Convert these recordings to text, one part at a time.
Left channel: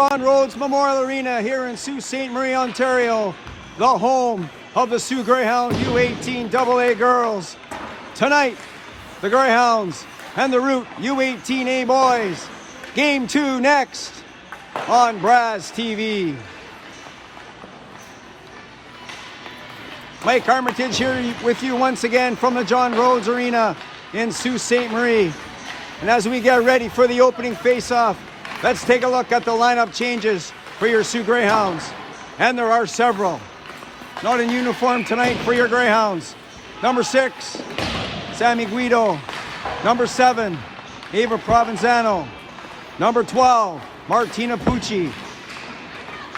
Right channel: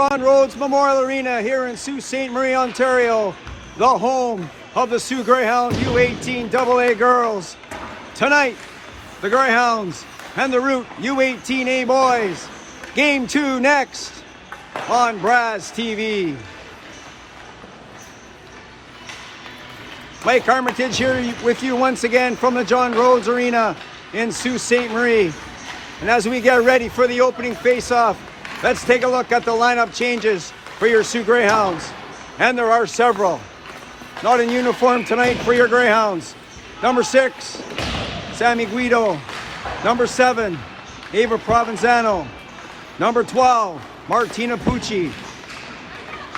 John Rhodes Memorial Arena here in Sault Ste. Marie, Ontario, the home of the Soo Greyhounds U18AA girls. Tonight, the Greyhounds and the Root U18A boys. Game 2 next on Braz TV. Mike Armitage here with you once again from the John Rhodes Arena in Sault Ste. Marie. And as we get ready for the opening face-off, let's take a look at the lineup changes for your Soo Greyhounds. And there are several. Not in uniform tonight for your Greyhounds. Number 6, Sammy Guido. Number 7, Ava Provenzano. Number 12, Martina Pucci.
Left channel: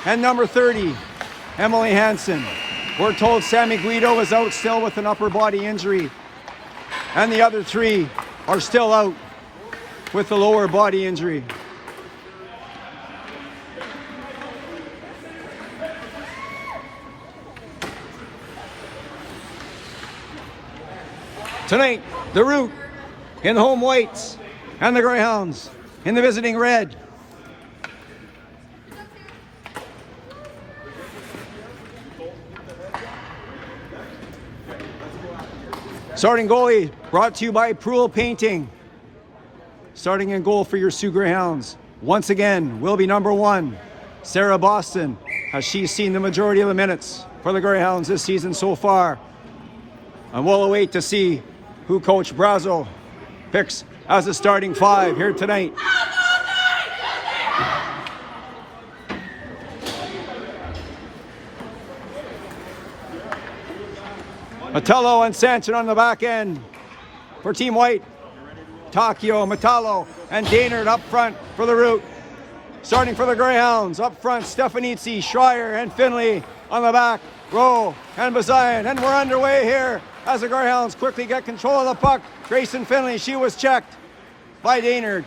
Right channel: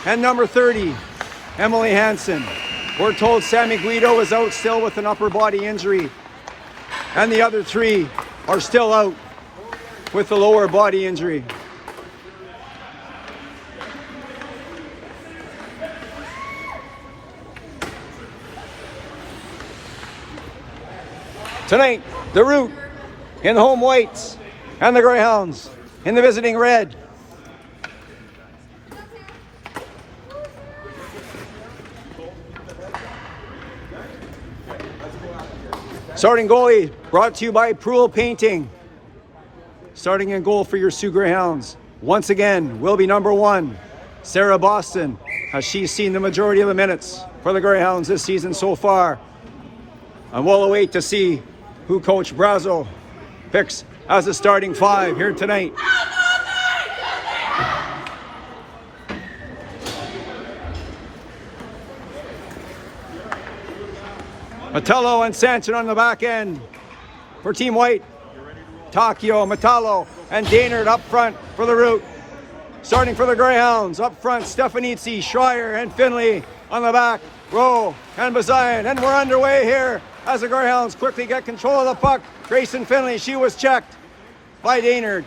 And number 30, Emily Hansen. We're told Sammy Guido is out still with an upper body injury. And the other 3 are still out with the lower body injury. Tonight, the Root in the home whites and the Greyhounds in the visiting red. Starting goalie brought to you by Proul Painting. Starting in goal for your Soo Greyhounds, once again, will be number 1, Sarah Boston, as she's seen the majority of the minutes for the Greyhounds this season so far. And we'll await to see who Coach Brazo picks as the starting 5 here tonight. Metallo and Sanson on the back end for Team White. Takio, Metallo, and Daynard up front for the Root. Starting for the Greyhounds, up front, Stefanitsi, Schreier, and Finley on the back. Rowe and Bazayan, and we're underway here as the Greyhounds quickly get control of the puck. Grayson Finley, she was checked by Daynard.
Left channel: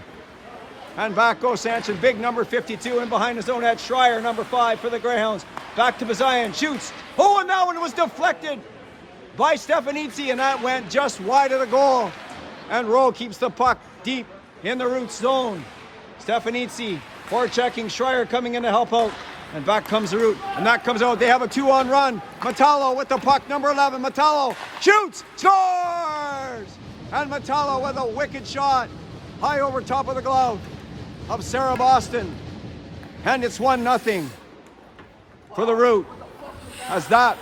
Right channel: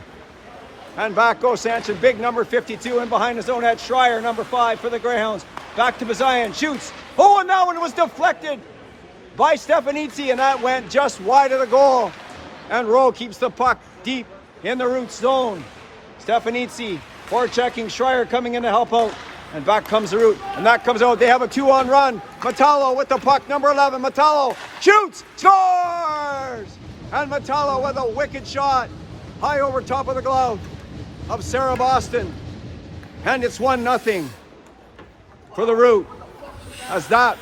And back goes Sanson, big number 52, and behind his own net, Schreier, number 5 for the Greyhounds. Back to Bazayan, shoots. Oh, and that one was deflected by Stefanitsi, and that went just wide of the goal. And Rowe keeps the puck deep in the Root zone. Stefanitsi forechecking, Schreier coming in to help out. And back comes the Root, and that comes out. They have a 2-on run. Metallo with the puck, number 11. Metallo shoots, scores! And Metallo with a wicked shot, high over top of the glove of Sarah Boston. And it's 1-0 for the Root, as that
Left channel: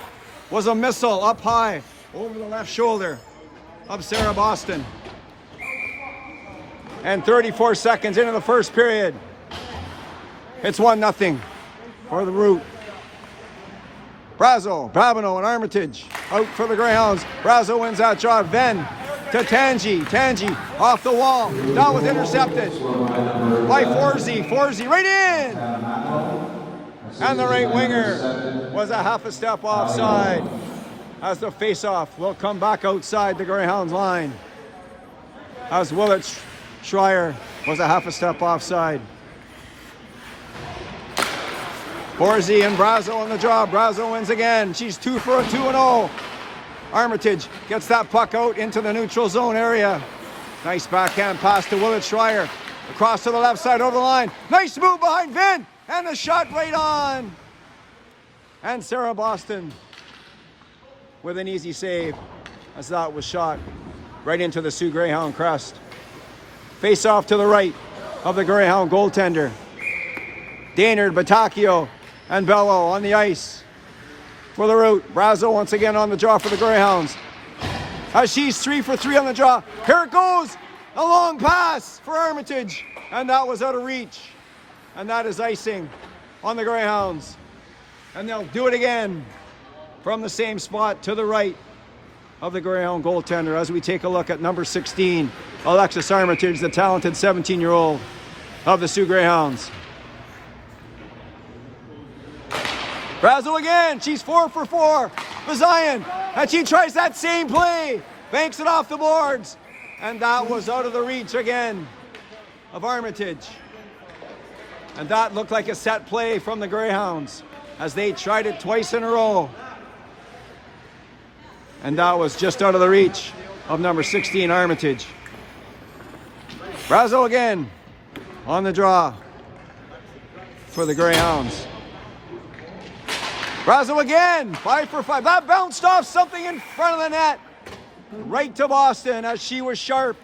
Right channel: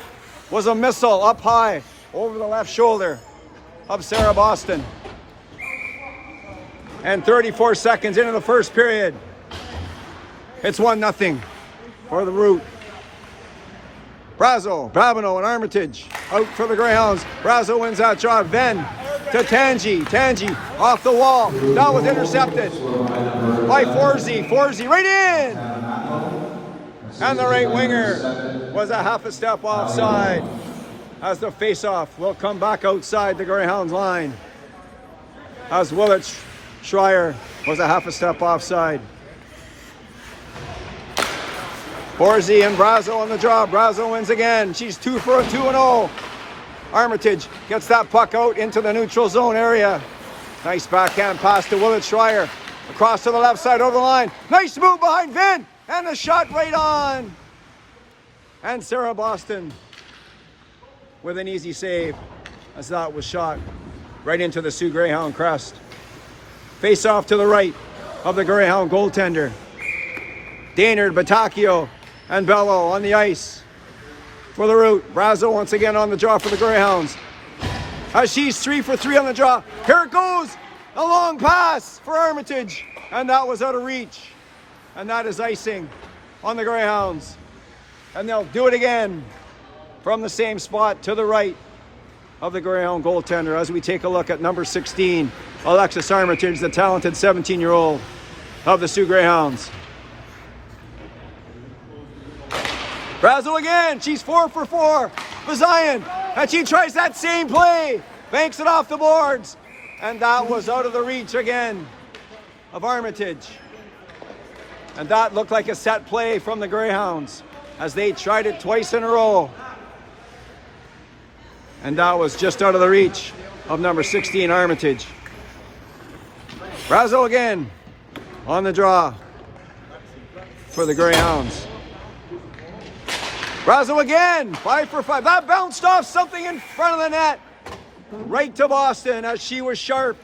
was a missile up high over the left shoulder of Sarah Boston. And 34 seconds into the first period, it's 1-0 for the Root. Brazo, Babineau, and Armitage out for the Greyhounds. Brazo wins that job. Then to Tangi. Tangi off the wall. That was intercepted by Forsey. Forsey right in! And the right winger was a half a step offside, as the face-off will come back outside the Greyhounds line, as Willett Schreier was a half a step offside. Forsey and Brazo on the job. Brazo wins again. She's 2 for a 2-0. Armitage gets that puck out into the neutral zone area. Nice backhand pass to Willett Schreier. Across to the left side over the line. Nice move behind Vin. And a shot right on. And Sarah Boston with an easy save, as that was shot right into the Soo Greyhound crest. Face off to the right of the Greyhound goaltender. Daynard, Batacchio, and Bello on the ice for the Root. Brazo once again on the draw for the Greyhounds, as she's 3 for 3 on the draw. Here it goes, a long pass for Armitage, and that was out of reach. And that is icing on the Greyhounds. And they'll do it again from the same spot to the right of the Greyhound goaltender, as we take a look at number 16, Alexis Armitage, the talented 17-year-old of the Soo Greyhounds. Brazo again, she's 4 for 4. Bazayan, and she tries that same play, banks it off the boards, and that was out of the reach again of Armitage. And that looked like a set play from the Greyhounds, as they tried it twice in a row. And that was just out of the reach of number 16, Armitage. Brazo again on the draw. for the Greyhounds. Brazo again, 5 for 5. That bounced off something in front of the net. Right to Boston as she was sharp.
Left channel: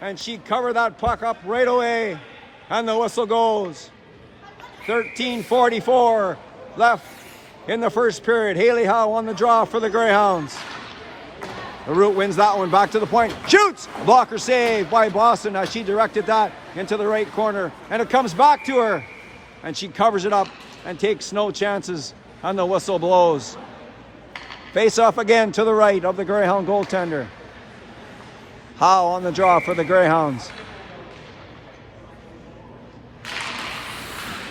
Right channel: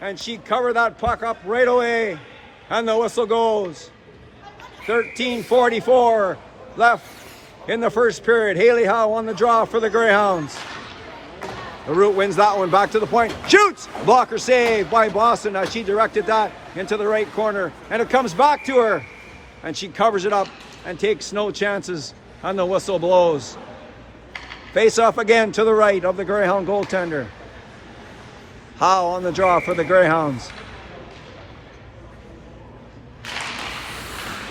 And she covered that puck up right away. And the whistle goes. 13:44 left in the first period. Haley Howe on the draw for the Greyhounds. The Root wins that one, back to the point. Shoots! Blocker save by Boston as she directed that into the right corner. And it comes back to her. And she covers it up and takes no chances. And the whistle blows. Face off again to the right of the Greyhound goaltender. Howe on the draw for the Greyhounds.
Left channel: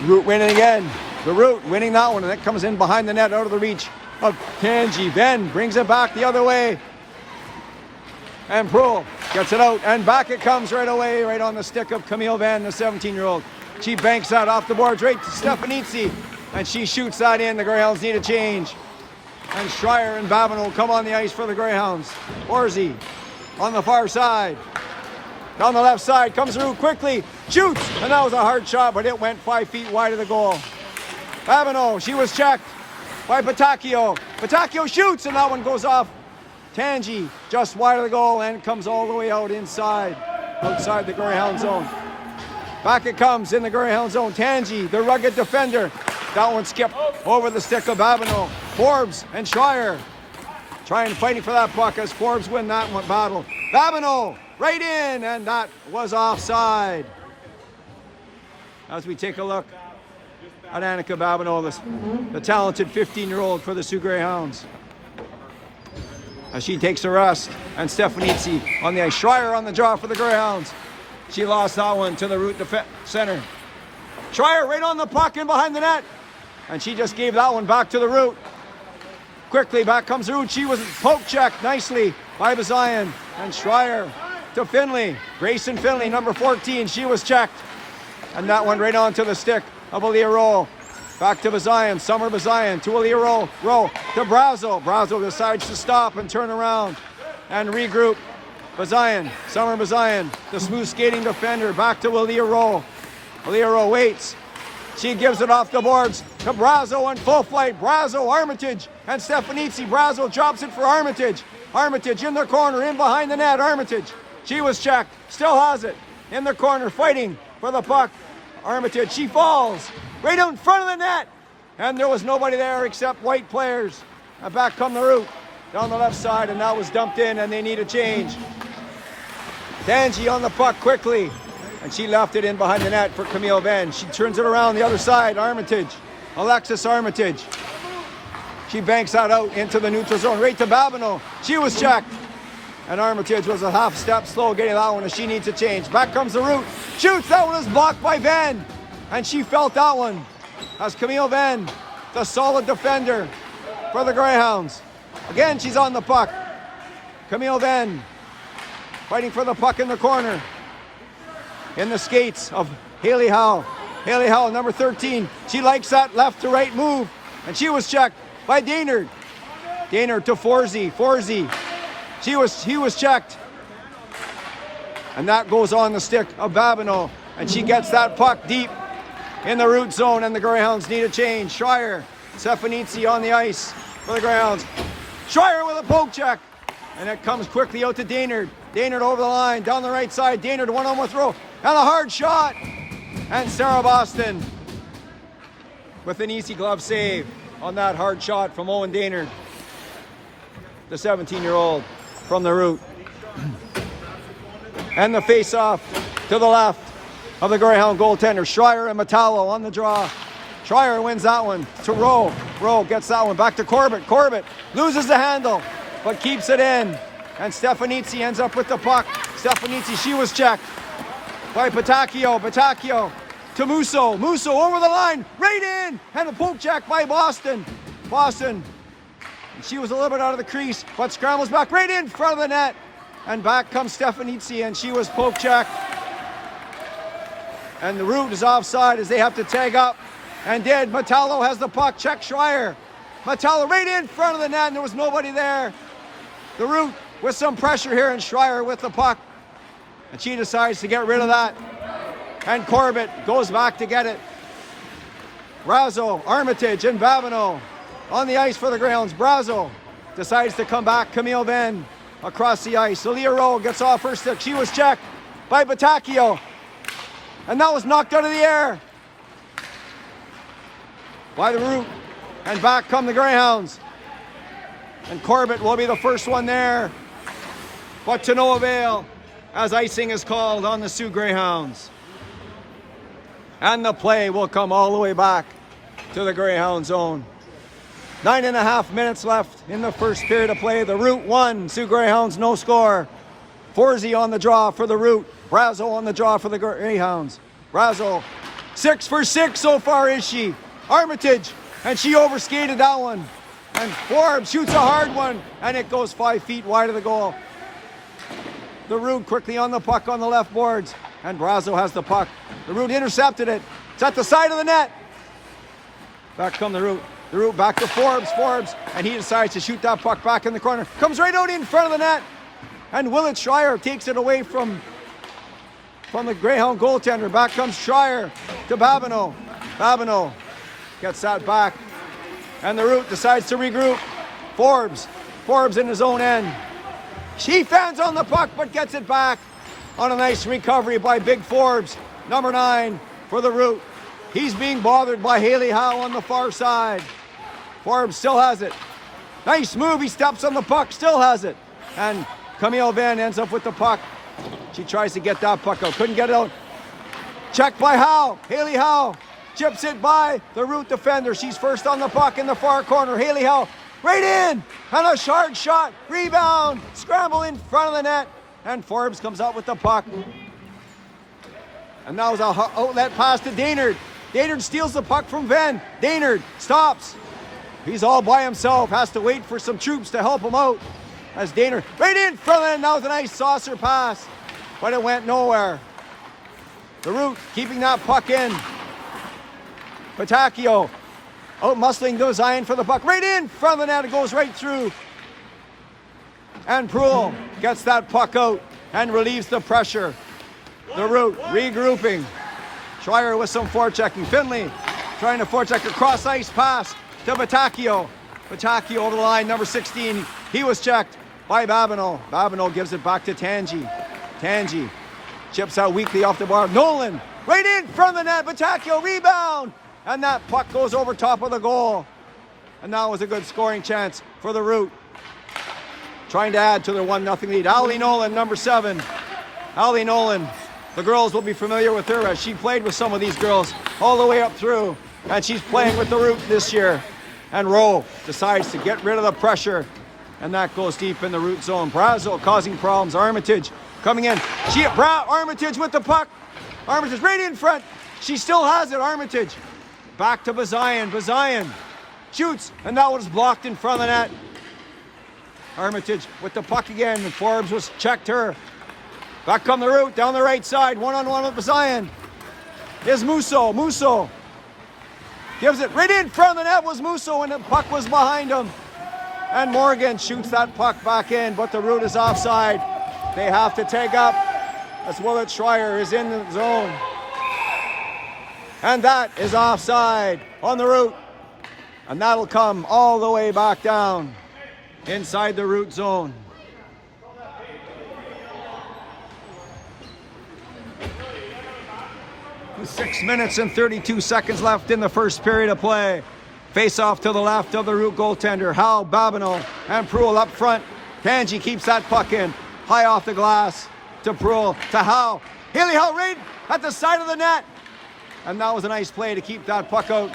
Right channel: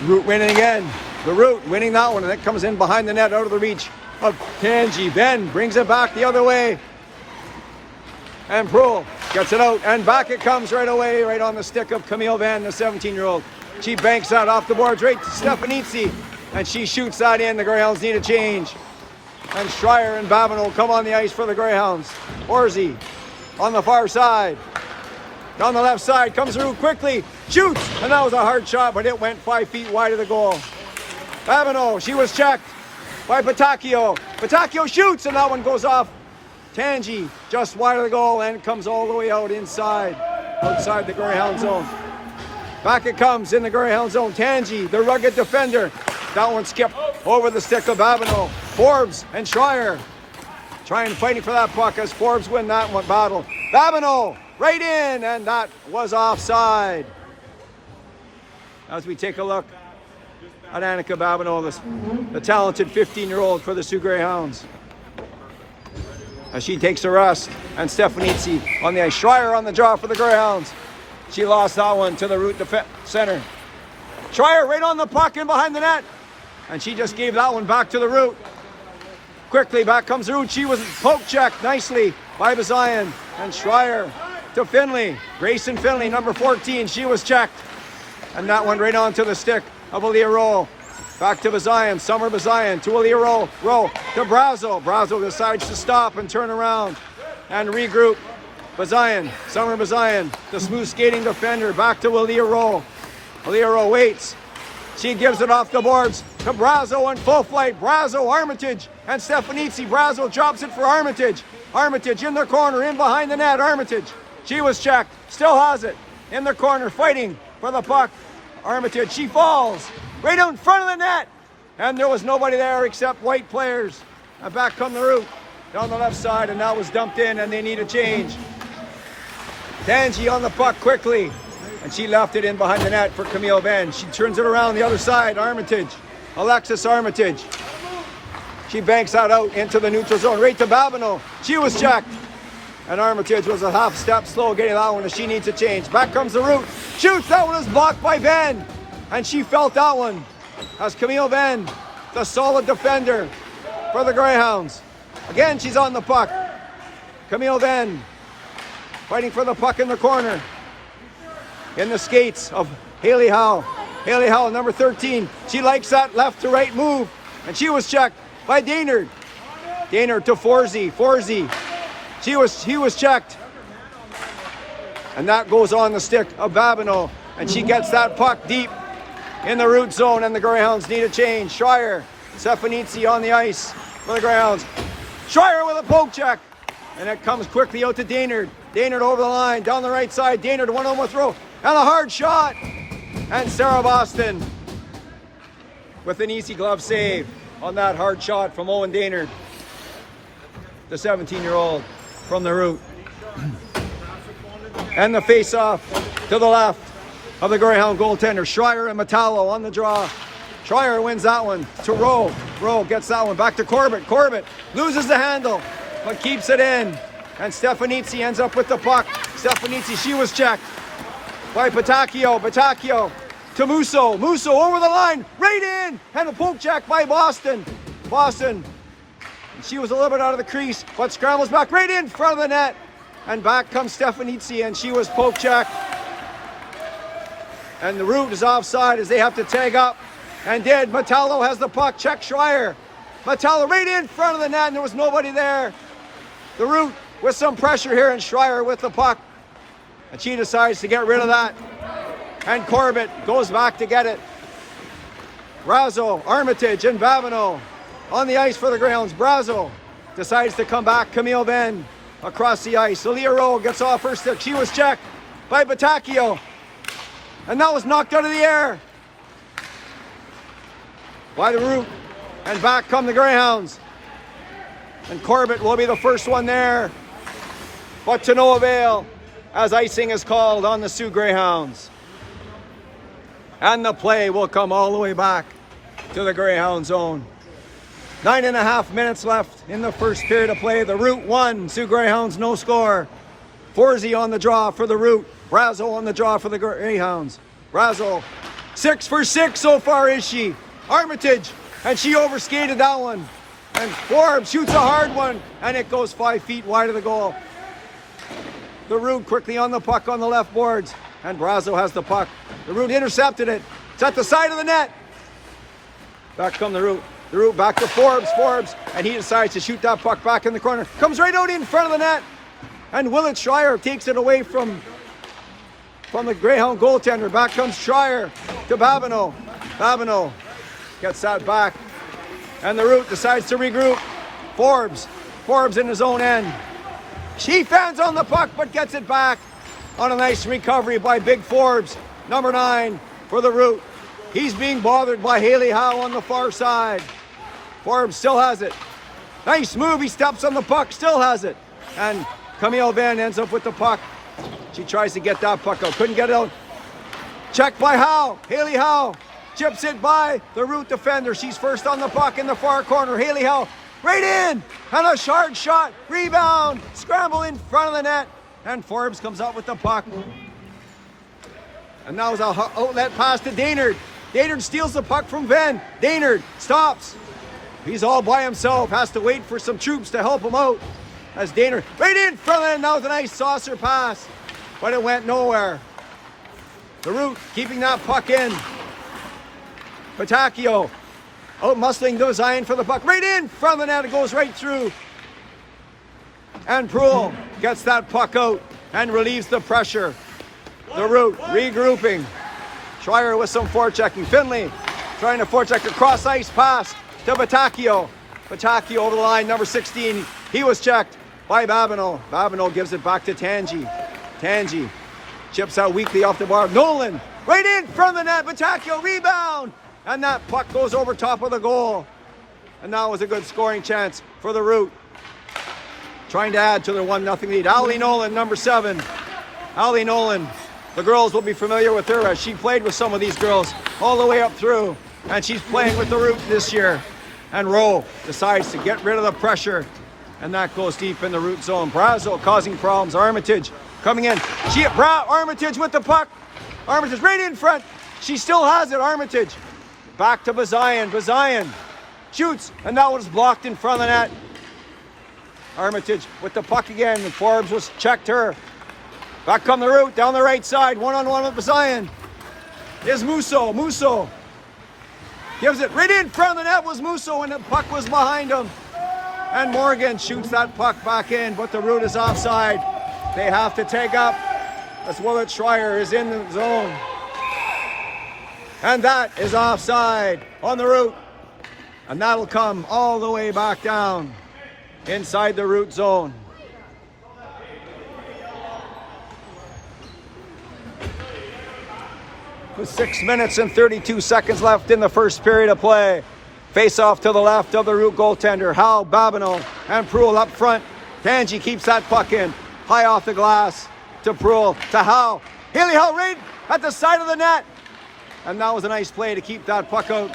Root winning again. The Root winning that one, and it comes in behind the net out of the reach of Tangi. Ben brings it back the other way. And Prohl gets it out, and back it comes right away, right on the stick of Camille Van, the 17-year-old. She banks that off the boards right to Stefanitsi, and she shoots that in. The Greyhounds need a change. And Schreier and Babineau come on the ice for the Greyhounds. Orsi on the far side. Down the left side, comes through quickly, shoots, and that was a hard shot, but it went 5 feet wide of the goal. Babineau, she was checked by Patacchio. Patacchio shoots, and that one goes off. Tangi, just wide of the goal, and it comes all the way out outside the Greyhound zone. Back it comes in the Greyhound zone. Tangi, the rugged defender. That one skipped over the stick of Babineau. Forbes and Schreier fighting for that puck as Forbes win that one battle. Babineau right in, and that was offside. As we take a look at Annika Babineau, the talented 15-year-old for the Soo Greyhounds. As she takes a rest, and Stefanitsi on the ice. Schreier on the draw for the Greyhounds. She lost that one to the Root center. Schreier right on the puck in behind the net, and she just gave that one back to the Root. Quickly back comes Root. She was poke checked nicely by Bazayan, and Schreier to Finley. Grayson Finley, number 14, she was checked, and that went right onto the stick of Aaliyah Rowe. Back to Bazayan, Summer Bazayan to Aaliyah Rowe to Brazo. Brazo decides to stop and turn around and regroup. Bazayan, Summer Bazayan, the smooth skating defender, back to Aaliyah Rowe. Aaliyah Rowe waits. She gives it off the boards to Brazo on full flight. Brazo, Armitage, and Stefanitsi. Brazo drops it for Armitage. Armitage in the corner, in behind the net. Armitage, she was checked, still has it. In the corner, fighting for the puck. Armitage, she falls right out in front of the net. And there was nobody there except white players. And back come the Root down the left side, and that was dumped in, and they need a change. Tangi on the puck quickly, and she left it in behind the net for Camille Ben. She turns it around the other side. Armitage, Alexis Armitage. She banks that out into the neutral zone, right to Babineau. She was checked, and Armitage was a half step slow getting that one, and she needs a change. Back comes the Root. Shoots, that one is blocked by Ben, and she felt that one as Camille Ben, the solid defender for the Greyhounds. Again, she's on the puck. Camille Ben fighting for the puck in the corner. In the skates of Haley Howe. Haley Howe, number 13. She likes that left to right move. And she was checked by Daynard. Daynard to Forsey. Forsey. He was checked. And that goes on the stick of Babineau. And she gets that puck deep in the Root zone, and the Greyhounds need a change. Schreier, Stefanitsi on the ice for the Greyhounds. Schreier with a poke check. And it comes quickly out to Daynard. Daynard over the line, down the right side. Daynard one-on-one with throw. And a hard shot. And Sarah Boston with an easy glove save on that hard shot from Owen Daynard, the 17-year-old from the Root. And the face-off to the left of the Greyhound goaltender. Schreier and Metallo on the draw. Schreier wins that one to Rowe. Rowe gets that one back to Corbett. Corbett loses the handle, but keeps it in. And Stefanitsi ends up with the puck. Stefanitsi, she was checked by Patacchio. Patacchio to Musso. Musso over the line, right in, and a poke check by Boston. Boston, she was a little bit out of the crease, but scrambles back right in front of the net. And back comes Stefanitsi, and she was poke checked. And the Root is offside as they have to tag up. And did. Metallo has the puck. Check Schreier. Metallo right in front of the net, and there was nobody there. The Root with some pressure here, and Schreier with the puck. And she decides to get rid of that. And Corbett goes back to get it. Brazo, Armitage, and Babineau on the ice for the Greyhounds. Brazo decides to come back. Camille Venn across the ice. Aaliyah Rowe gets off her stick. She was checked by Batacchio. And that was knocked out of the air by the Root. And back come the Greyhounds. And Corbett will be the first one there. But to no avail, as icing is called on the Soo Greyhounds. And the play will come all the way back to the Greyhound zone. 9.5 minutes left in the first period of play. The Root 1, Soo Greyhounds no score. Forsey on the draw for the Root. Brazo on the draw for the Greyhounds. Brazo, 6 for 6 so far is she. Armitage, and she overskated that one. And Forbes shoots a hard one, and it goes 5 feet wide of the goal. The Root quickly on the puck on the left boards, and Brazo has the puck. The Root intercepted it. It's at the side of the net. Back come the Root. The Root back to Forbes, and he decides to shoot that puck back in the corner. Comes right out in front of the net, and Willett Schreier takes it away from the Greyhound goaltender. Back comes Schreier to Babineau. Babineau gets that back, and the Root decides to regroup. Forbes in his own end. She fans on the puck, but gets it back on a nice recovery by Big Forbes, number 9 for the Root. He's being bothered by Haley Howe on the far side. Forbes still has it. Nice move, he steps on the puck, still has it. And Camille Venn ends up with the puck. She tries to get that puck out, couldn't get it out. Checked by Howe, Haley Howe. Chips it by the Root defender. She's first on the puck in the far corner. Haley Howe right in, and a hard shot, rebound, scramble in front of the net, and Forbes comes out with the puck. And that was an outlet pass to Daynard. Daynard steals the puck from Venn. Daynard stops. He's all by himself, has to wait for some troops to help him out. As Daynard right in front of the net. That was a nice saucer pass, but it went nowhere. The Root keeping that puck in. Batacchio out muscling to Zion for the puck. Right in front of the net. It goes right through. And Proulx gets that puck out and relieves the pressure. The Root regrouping. Schreier with some forechecking. Finley trying to forecheck a cross ice pass to Batacchio. Batacchio over the line, number 16. He was checked by Babineau. Babineau gives it back to Tangi. Tangi chips out weakly off the bar. Nolan right in front of the net. Batacchio rebound. And that puck goes over top of the goal. And that was a good scoring chance for the Root. Trying to add to their 1-0 lead. Allie Nolan, number 7. Allie Nolan. The girls will be familiar with her as she played with some of these girls all the way up through. And she's playing with the Root this year. And Rowe decides to get rid of the pressure. And that goes deep in the Root zone. Brazo causing problems. Armitage coming in. Armitage with the puck. Armitage right in front. She still has it, Armitage. Back to Bazian. Bazian shoots, and that was blocked in front of the net. Armitage with the puck again, and Forbes was checked her. Back come the Root down the right side. One-on-one with Bazian. Is Musso. Musso gives it right in front of the net. Was Musso, and the puck was behind him. And Morgan shoots that puck back in, but the Root is offside. They have to take up. As Willett Schreier is in the zone. And that is offside on the Root. And that'll come all the way back down inside the Root zone. With 6 minutes and 32 seconds left in the first period of play. Face off to the left of the Root goaltender. Howe, Babineau, and Proulx up front. Tangi keeps that puck in. High off the glass to Proulx, to Howe. Haley Howe right at the side of the net. And that was a nice play to keep that puck out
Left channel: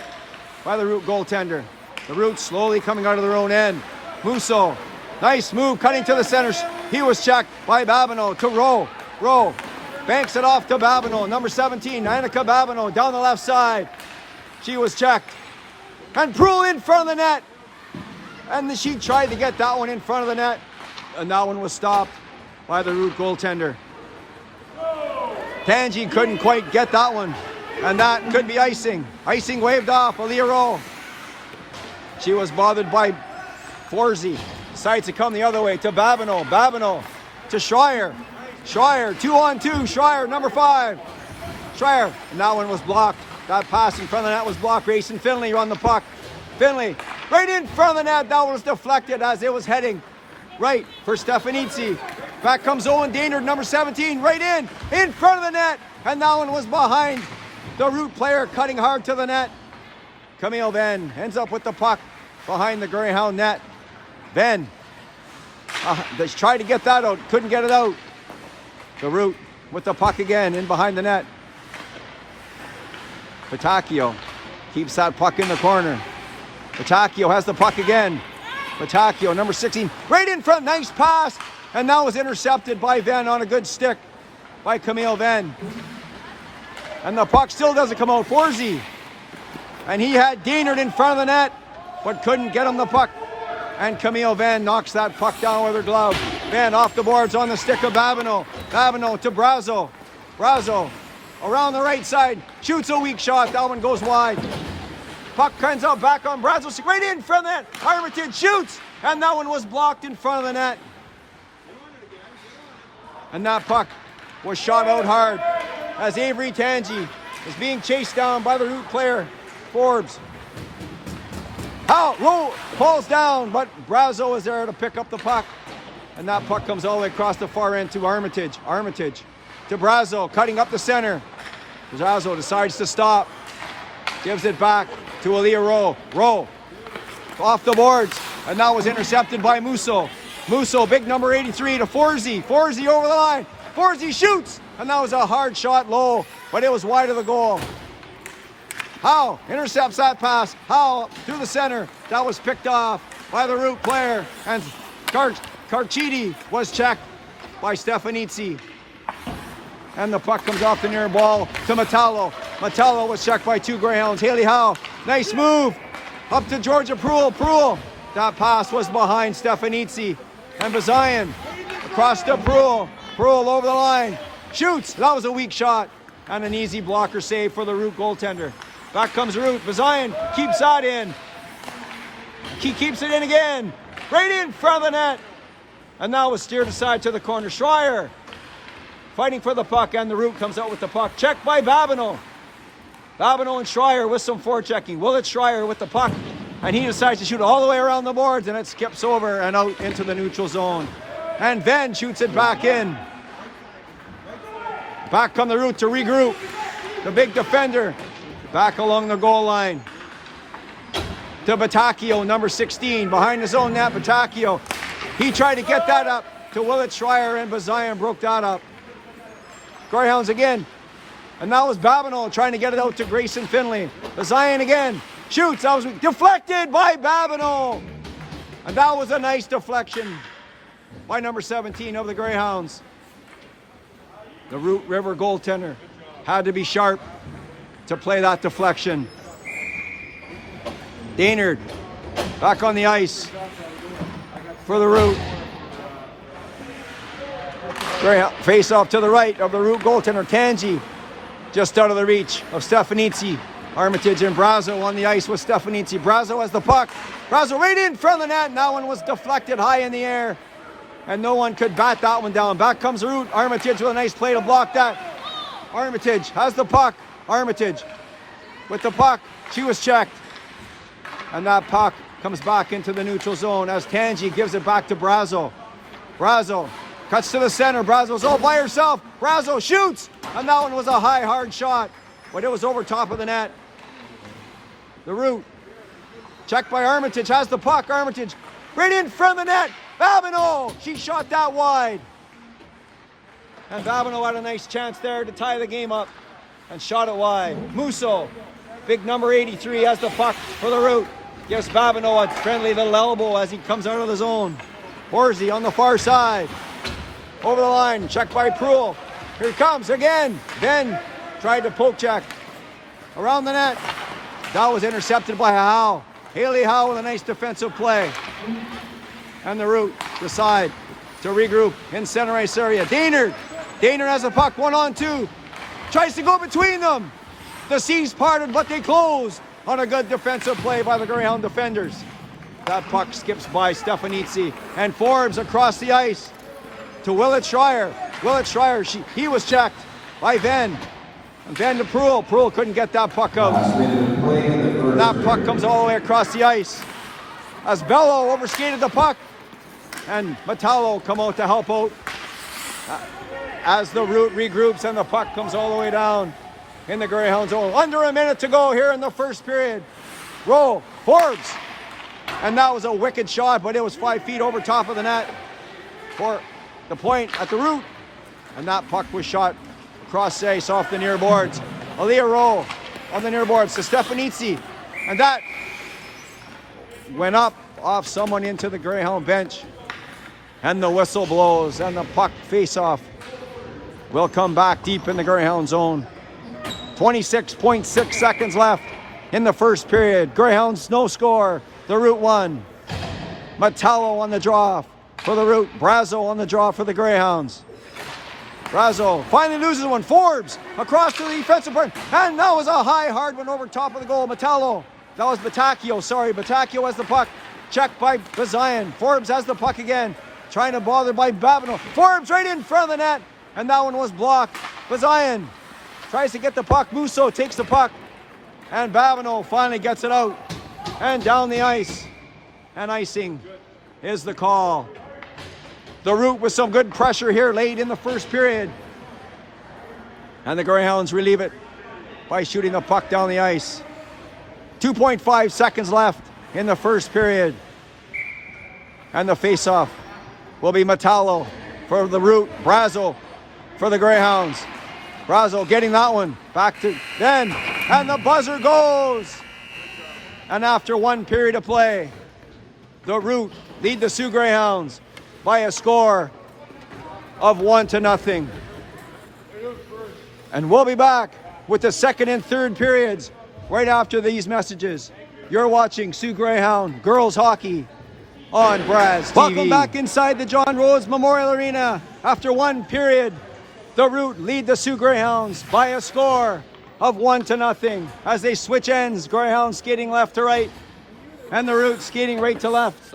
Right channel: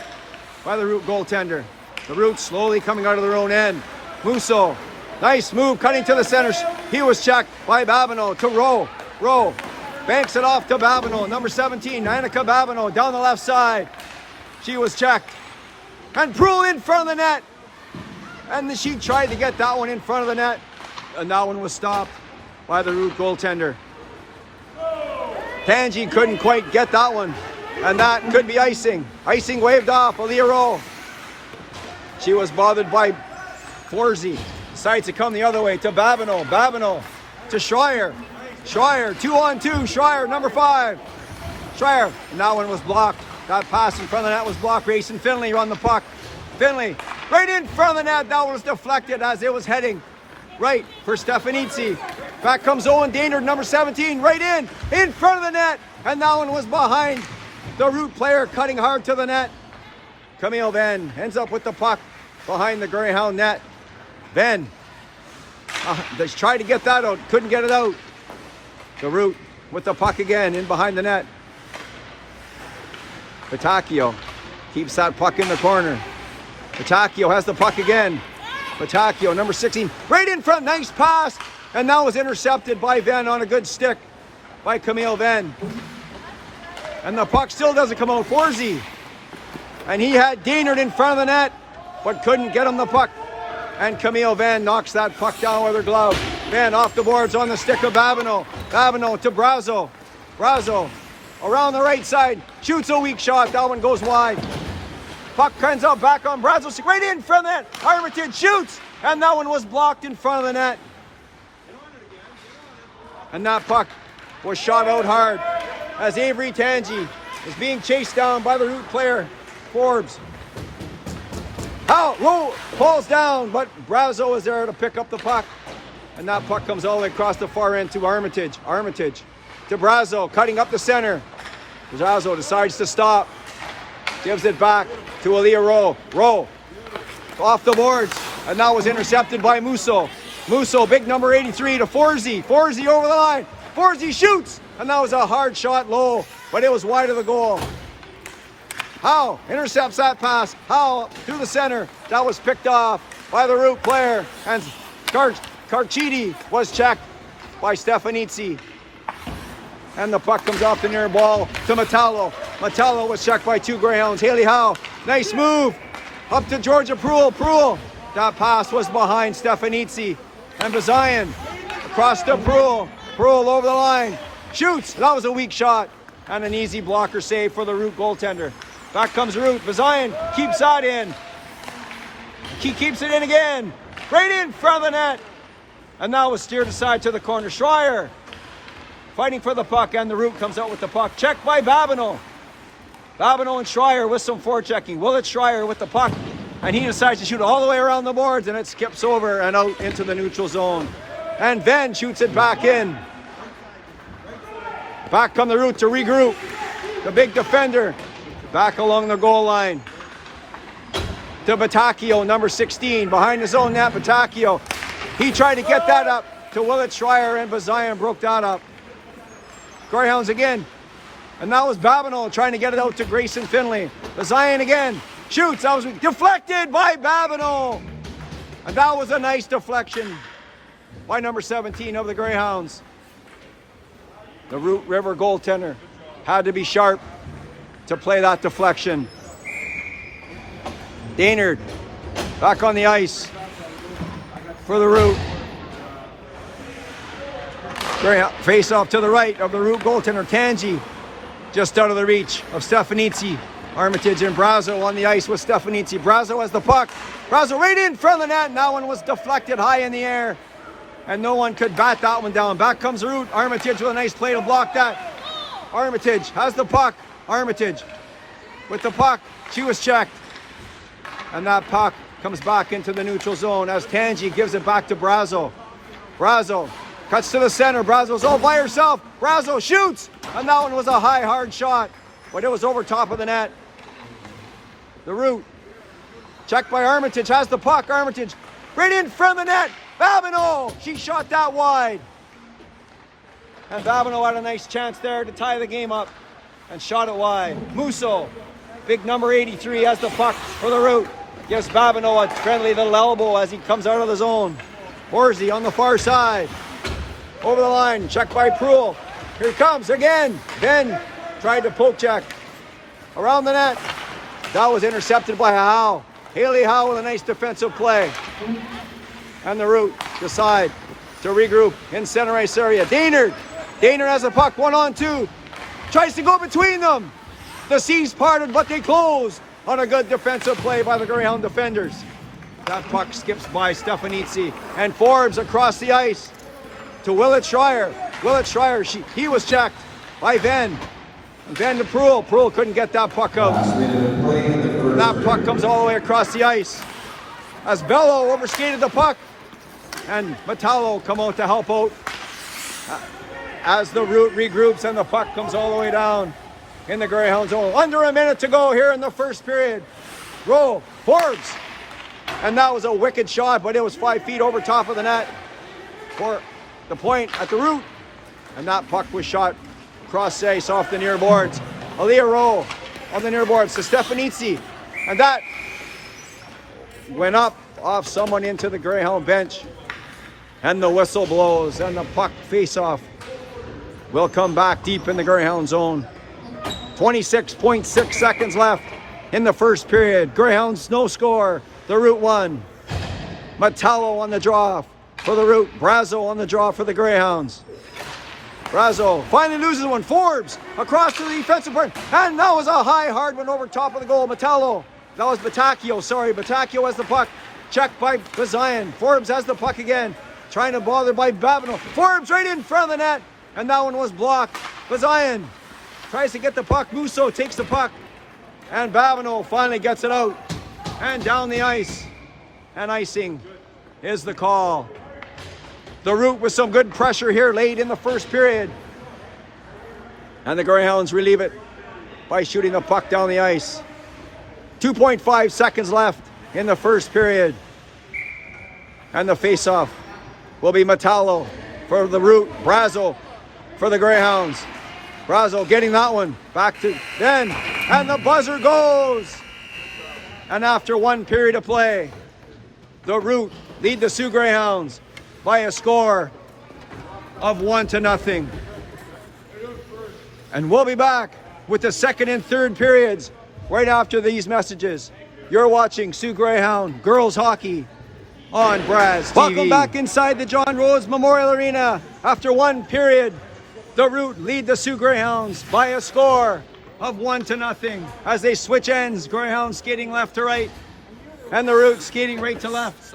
by the Root goaltender. The Root slowly coming out of their own end. Musso, nice move, cutting to the center. He was checked by Babineau to Rowe. Rowe banks it off to Babineau. Number 17, Annika Babineau, down the left side. She was checked. And Proulx in front of the net. And she tried to get that one in front of the net. And that one was stopped by the Root goaltender. Tangi couldn't quite get that one. And that could be icing. Icing waved off. Aaliyah Rowe. She was bothered by Forsey. Decides to come the other way to Babineau. Babineau to Schreier. Schreier, 2-on-2. Schreier, number 5. Schreier. And that one was blocked That pass in front of the net was blocked. Grayson Finley on the puck. Finley right in front of the net. That was deflected as it was heading right for Stefanitsi. Back comes Owen Daynard, number 17, right in front of the net. And that one was behind the Root player, cutting hard to the net. Camille Venn ends up with the puck behind the Greyhound net. Venn, they tried to get that out, couldn't get it out. The Root with the puck again in behind the net. Patacchio keeps that puck in the corner. Patacchio has the puck again. Patacchio, number 16, right in front, nice pass. And that was intercepted by Venn on a good stick by Camille Venn. And the puck still doesn't come out. Forsey. And he had Daynard in front of the net, but couldn't get him the puck. And Camille Venn knocks that puck down with her glove. Venn off the boards on the stick of Babineau. Babineau to Brazo. Brazo around the right side. Shoots a weak shot. That one goes wide. Puck ends up back on Brazo. Right in front of the net. Armitage shoots. And that one was blocked in front of the net. And that puck was shot out hard as Avery Tangi is being chased down by the Root player, Forbes. Low falls down, but Brazo is there to pick up the puck. And that puck comes all the way across the far end to Armitage. Armitage to Brazo, cutting up the center. Brazo decides to stop. Gives it back to Aaliyah Rowe. Rowe off the boards, and that was intercepted by Musso. Musso, big number 83 to Forsey. Forsey over the line. Forsey shoots, and that was a hard shot low, but it was wide of the goal. Howe intercepts that pass. Howe through the center. That was picked off by the Root player, and Carchidi was checked by Stefanitsi. And the puck comes off the near ball to Metallo. Metallo was checked by two Greyhounds. Haley Howe, nice move. Up to Georgia Pruill. Pruill, that pass was behind Stefanitsi. And Bazayan across to Pruill. Pruill over the line. Shoots. That was a weak shot. And an easy blocker save for the Root goaltender. Back comes Root. Bazayan keeps that in. He keeps it in again. Right in front of the net. And that was steered aside to the corner. Schreier fighting for the puck, and the Root comes out with the puck. Checked by Babineau. Babineau and Schreier with some forechecking. Willett Schreier with the puck, and he decides to shoot all the way around the boards, and it skips over and out into the neutral zone. And Venn shoots it back in. Back come the Root to regroup. The big defender back along the goal line. To Patacchio, number 16, behind his own net. Patacchio, he tried to get that up to Willett Schreier, and Bazayan broke that up. Greyhounds again. And that was Babineau trying to get it out to Grayson Finley. Bazayan again. Shoots. That was deflected by Babineau. And that was a nice deflection by number 17 of the Greyhounds. The Root River goaltender had to be sharp to play that deflection. Daynard back on the ice for the Root. Face off to the right of the Root goaltender, Tangi, just out of the reach of Stefanitsi. Armitage and Brazo on the ice with Stefanitsi. Brazo has the puck. Brazo right in front of the net, and that one was deflected high in the air, and no one could bat that one down. Back comes Root. Armitage with a nice play to block that. Armitage has the puck. Armitage with the puck. She was checked, and that puck comes back into the neutral zone as Tangi gives it back to Brazo. Brazo cuts to the center. Brazo's all by herself. Brazo shoots. And that one was a high, hard shot. But it was over top of the net. The Root. Checked by Armitage. Has the puck. Armitage right in front of the net. Babineau. She shot that wide. And Babineau had a nice chance there to tie the game up. And shot it wide. Musso. Big number 83 has the puck for the Root. Gives Babineau a friendly little elbow as he comes out of the zone. Horsey on the far side. Over the line, checked by Pruill. Here he comes again. Venn tried to poke check. Around the net. That was intercepted by Howe. Haley Howe with a nice defensive play. And the Root decide to regroup in center ice area. Daynard. Daynard has a puck, 1-on-2. Tries to go between them. The seas parted, but they closed on a good defensive play by the Greyhound defenders. That puck skips by Stefanitsi. And Forbes across the ice to Willett Schreier. Willett Schreier, he was checked by Venn. And then to Prul. Prul couldn't get that puck out. And that puck comes all the way across the ice. As Bello overskated the puck. And Metallo come out to help out. As the Root regroups and the puck comes all the way down in the Greyhound zone. Under a minute to go here in the first period. Roll. Forbes. And that was a wicked shot, but it was 5 feet over top of the net for the point at the Root. And that puck was shot across the ice off the near boards. Aliyah roll on the near boards to Stefanitsi. And that went up off someone into the Greyhound bench. And the whistle blows and the puck face-off will come back deep in the Greyhound zone. 26.6 seconds left in the first period. Greyhounds no score. The Root 1. Metallo on the draw for the Root. Brazo on the draw for the Greyhounds. Brazo finally loses one. Forbes across to the defensive part. And that was a high, hard one over top of the goal. Metallo. That was Batacchio. Sorry, Batacchio has the puck. Checked by Bazian. Forbes has the puck again. Trying to bother by Babineau. Forbes right in front of the net. And that one was blocked. Bazian tries to get the puck. Musso takes the puck. And Babineau finally gets it out. And down the ice. And icing is the call. The Root with some good pressure here late in the first period. And the Greyhounds relieve it by shooting the puck down the ice. 2.5 seconds left in the first period. And the face-off will be Metallo for the Root. Brazo for the Greyhounds. Brazo getting that one. Back to then. And the buzzer goes. And after 1 period of play, the Root lead the Soo Greyhounds by a score of 1-0. And we'll be back with the second and third periods right after these messages. You're watching Soo Greyhound Girls Hockey on Braz TV. Welcome back inside the John Rose Memorial Arena. After 1 period, the Root lead the Soo Greyhounds by a score of 1-0 as they switch ends. Greyhounds skating left to right and the Root skating right to left.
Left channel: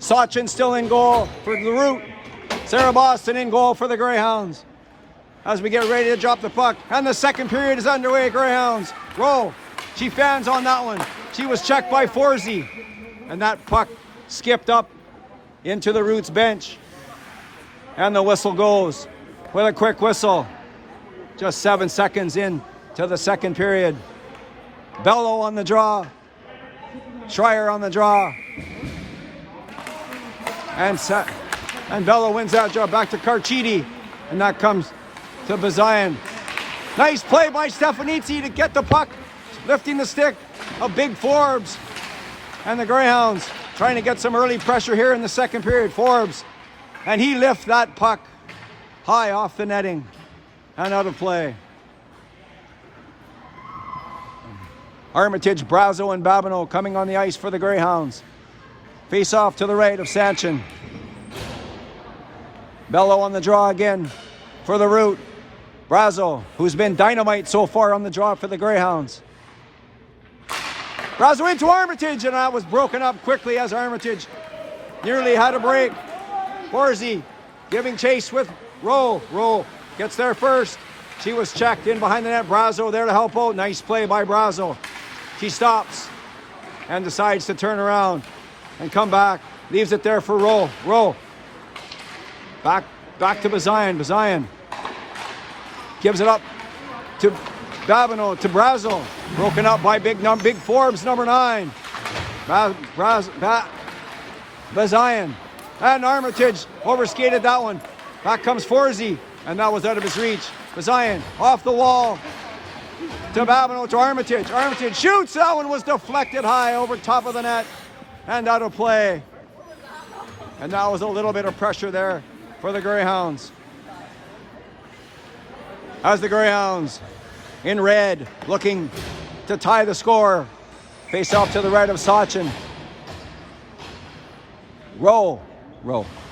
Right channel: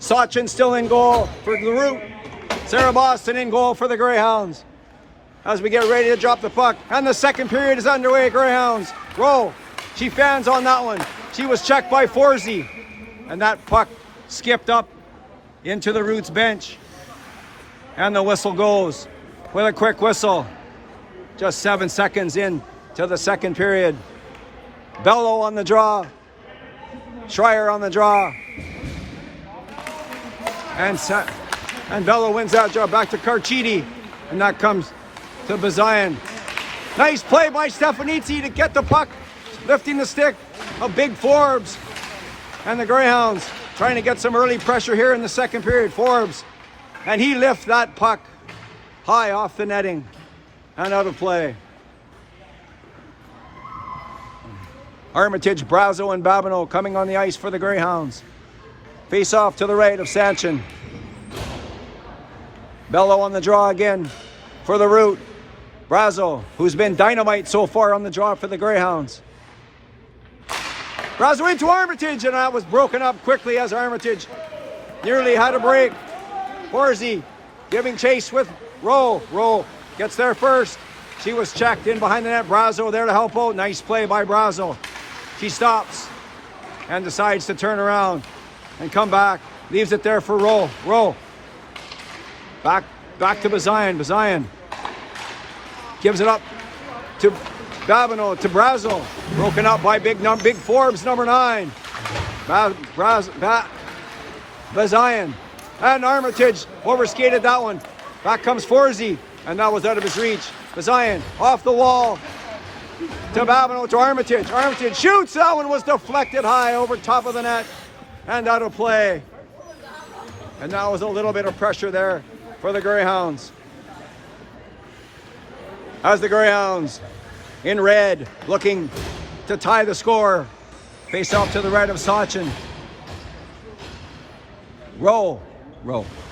Sachin still in goal for the Root. Sarah Boston in goal for the Greyhounds as we get ready to drop the puck. And the second period is underway. Greyhounds roll. She fans on that one. She was checked by Forsey. And that puck skipped up into the Root's bench. And the whistle goes with a quick whistle. Just 7 seconds in to the second period. Bello on the draw. Schreier on the draw. And Bello wins that draw back to Carchidi. And that comes to Bazian. Nice play by Stefanitsi to get the puck. Lifting the stick of Big Forbes. And the Greyhounds trying to get some early pressure here in the second period. Forbes. And he lifts that puck high off the netting. And out of play. Armitage, Brazo, and Babineau coming on the ice for the Greyhounds. Face off to the right of Sanchin. Bello on the draw again for the Root. Brazo, who's been dynamite so far on the draw for the Greyhounds. Brazo into Armitage, and that was broken up quickly as Armitage nearly had a break. Horsey giving chase with Rowe. Rowe gets there first. She was checked in behind the net. Brazo there to help out. Nice play by Brazo. She stops and decides to turn around and come back. Leaves it there for Rowe. Rowe. Back to Bazian. Bazian gives it up to Babineau, to Brazo. Broken up by Big Forbes, number 9. Bazian. And Armitage overskated that one. Back comes Forsey, and that was out of his reach. Bazian off the wall to Babineau, to Armitage. Armitage shoots. That one was deflected high over top of the net and out of play. And that was a little bit of pressure there for the Greyhounds. As the Greyhounds in red looking to tie the score. Face off to the right of Sachin. Roll.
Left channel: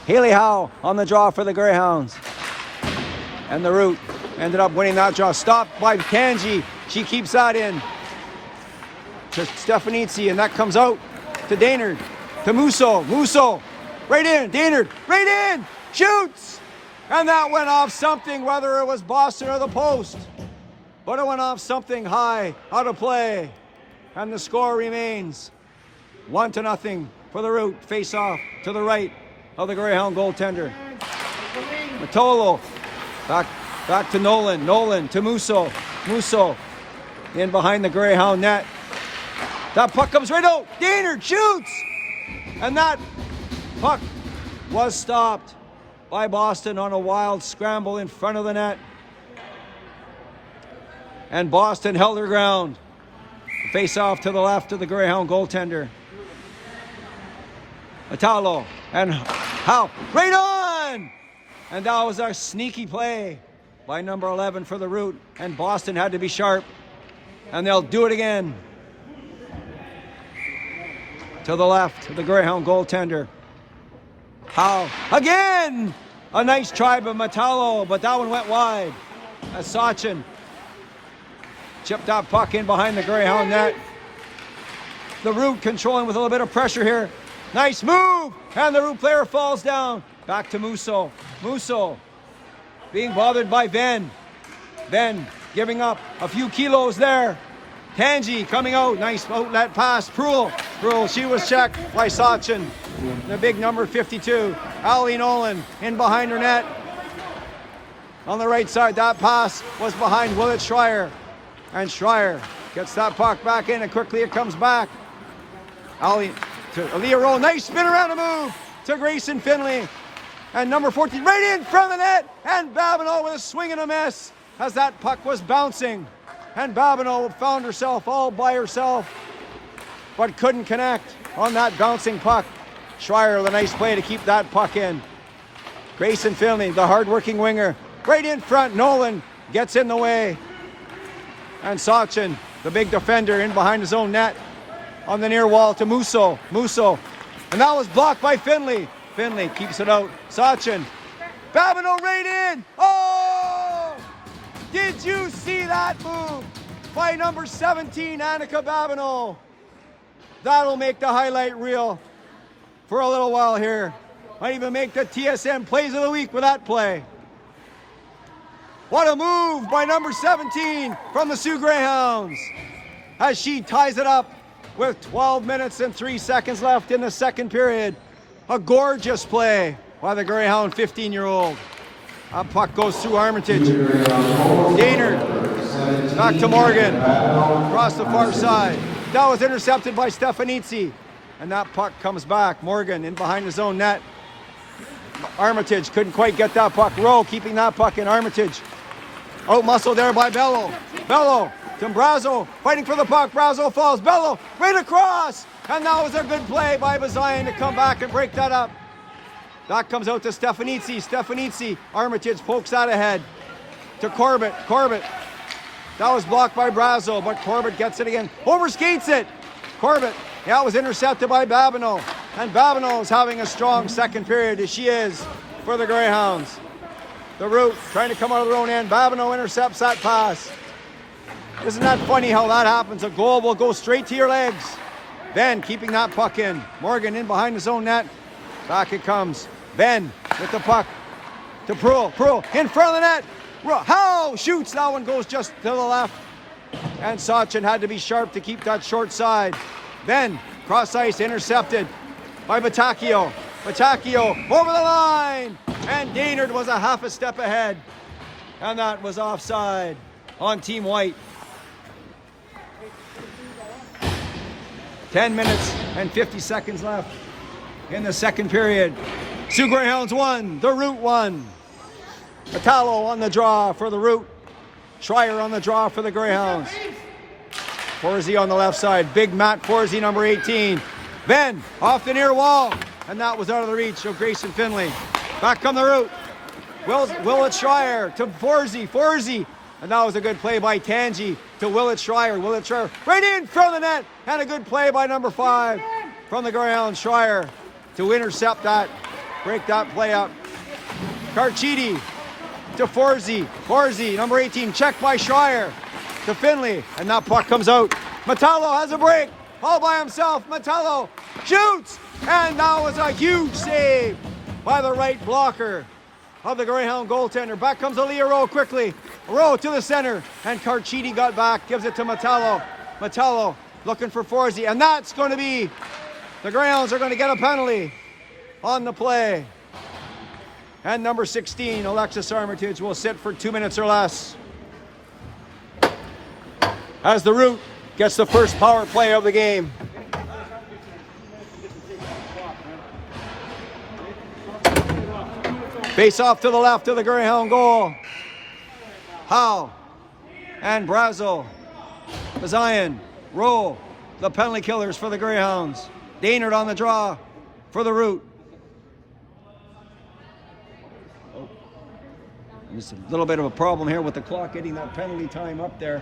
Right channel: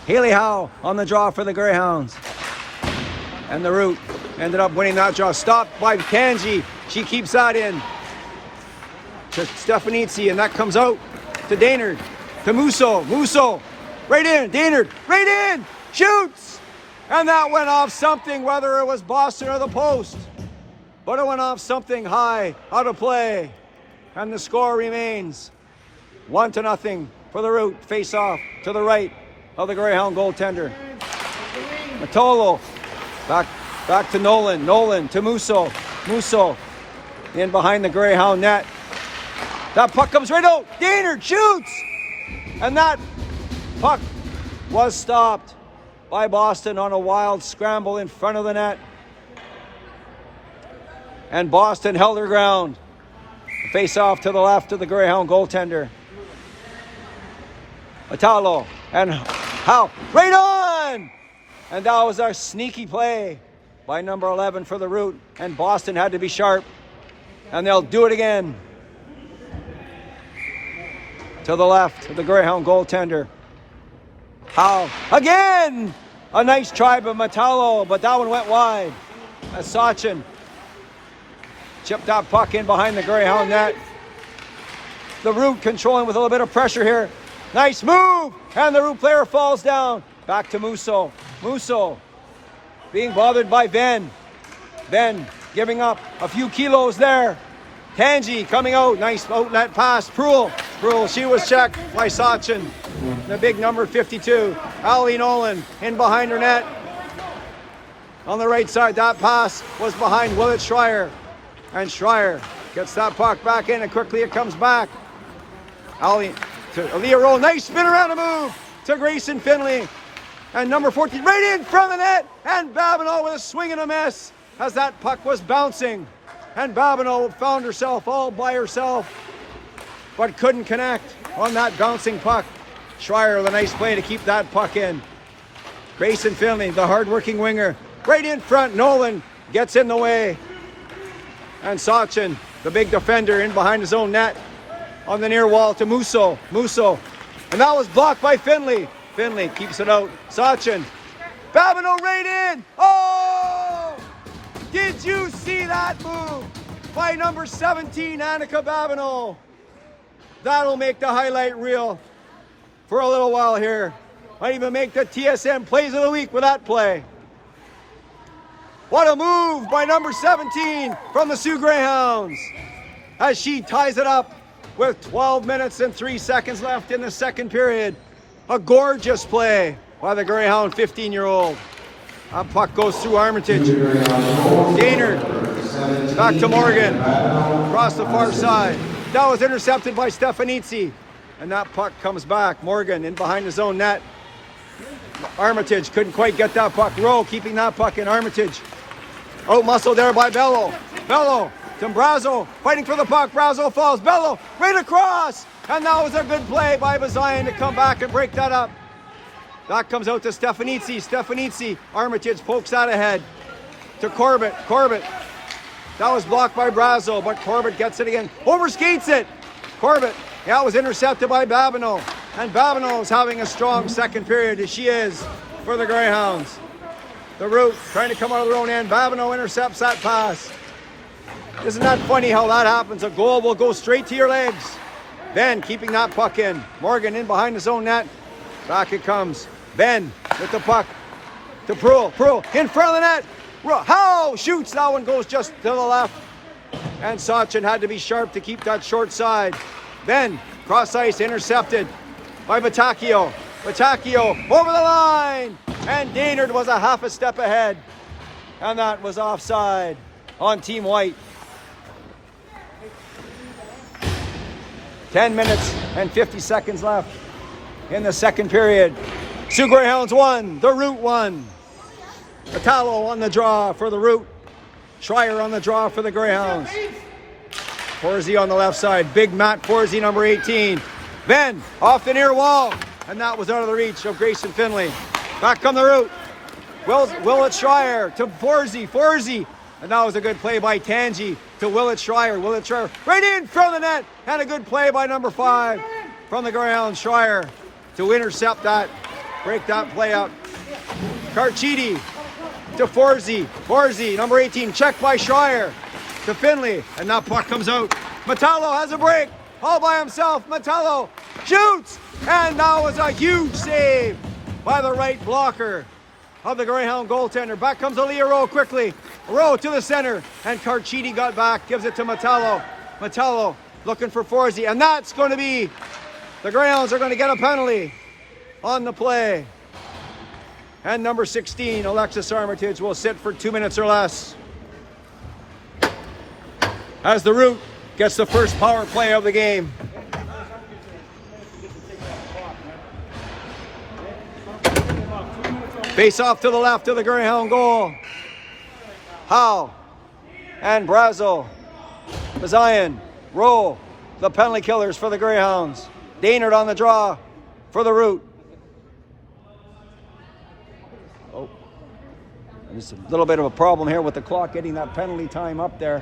Haley Howe on the draw for the Greyhounds. And the Root ended up winning that draw. Stopped by Kanji. She keeps that in to Stefanitsi, and that comes out to Daynard. To Musso. Musso. Right in. Daynard. Right in. Shoots. And that went off something, whether it was Boston or the post. But it went off something high, out of play. And the score remains 1-0 for the Root. Face off to the right of the Greyhound goaltender. Matolo back to Nolan. Nolan to Musso. Musso in behind the Greyhound net. That puck comes right out. Daynard shoots! And that puck was stopped by Boston on a wild scramble in front of the net. And Boston held their ground. Face off to the left of the Greyhound goaltender. Matalo and Howe. Right on! And that was a sneaky play by number 11 for the Root. And Boston had to be sharp. And they'll do it again. To the left of the Greyhound goaltender. Howe again! A nice try by Matalo, but that one went wide. As Sachin chipped that puck in behind the Greyhound net. The Root controlling with a little bit of pressure here. Nice move! And the Root player falls down. Back to Musso. Musso being bothered by Venn. Venn giving up a few kilos there. Tangi coming out. Nice outlet pass. Proul. She was checked by Sachin. The big number 52. Ali Nolan in behind her net. On the right side, that pass was behind Willett Schreier. And Schreier gets that puck back in, and quickly it comes back. Ali to Aaliyah Rowe. Nice spin around a move to Grayson Finley. And number 14 right in front of the net. And Babineau with a swing and a miss as that puck was bouncing. And Babineau found herself all by herself, but couldn't connect on that bouncing puck. Schreier with a nice play to keep that puck in. Grayson Finley, the hard-working winger, right in front. Nolan gets in the way. And Sachin, the big defender, in behind his own net on the near wall to Musso. Musso. And that was blocked by Finley. Finley keeps it out. Sachin. Babineau right in. Oh! Did you see that move by number 17, Annika Babineau? That'll make the highlight reel for a little while here. Might even make the TSN Plays of the Week with that play. What a move by number 17 from the Soo Greyhounds as she ties it up with 12 minutes and 3 seconds left in the second period. A gorgeous play by the Greyhound 15-year-old. That puck goes through Armitage. Daynard back to Morgan across the far side. That was intercepted by Stefanitsi. And that puck comes back. Morgan in behind his own net. Armitage couldn't quite get that puck. Rowe keeping that puck in. Armitage. Out muscle there by Bello. Bello to Brazo. Fighting for the puck. Brazo falls. Bello right across. And that was a good play by Bazayan to come back and break that up. That comes out to Stefanitsi. Stefanitsi. Armitage pokes that ahead to Corbett. Corbett. That was blocked by Brazo, but Corbett gets it again. Overskates it. Corbett. That was intercepted by Babineau. And Babineau is having a strong second period, as she is for the Greyhounds. The Root trying to come out of their own end. Babineau intercepts that pass. Isn't that funny how that happens? A goal will go straight to your legs. Ben keeping that puck in. Morgan in behind his own net. Back it comes. Ben with the puck to Proul. Proul in front of the net. Howe shoots. That one goes just to the left. And Sachin had to be sharp to keep that short side. Then cross ice intercepted by Batacchio. Batacchio over the line. And Daynard was a half a step ahead. And that was offside on Team White. 10 minutes and 50 seconds left in the second period. Soo Greyhounds won. The Root won. Matalo on the draw for the Root. Schreier on the draw for the Greyhounds. Forsey on the left side. Big Matt Forsey, number 18. Venn off the near wall. And that was out of the reach of Grayson Finley. Back come the Root. Willett Schreier to Forsey. Forsey. And that was a good play by Tangi to Willett Schreier. Willett Schreier right in front of the net. And a good play by number 5 from the Greyhounds. Schreier to intercept that. Break that play up. Carchidi to Forsey. Forsey, number 18, checked by Schreier to Finley. And that puck comes out. Matalo has a break. All by himself. Matalo shoots. And that was a huge save by the right blocker of the Greyhound goaltender. Back comes Aaliyah Rowe quickly. Rowe to the center, and Carchidi got back, gives it to Metallo. Metallo looking for Forsey, and that's going to be, the Greyhounds are going to get a penalty on the play. And number 16, Alexis Armitage, will sit for 2 minutes or less. As the Root gets the first power play of the game. Face off to the left of the Greyhound goal. Howe and Brazo. Bazian, Rowe, the penalty killers for the Greyhounds. Daynard on the draw for the Root. Oh, there's a little bit of a problem here with the clock getting that penalty time up there.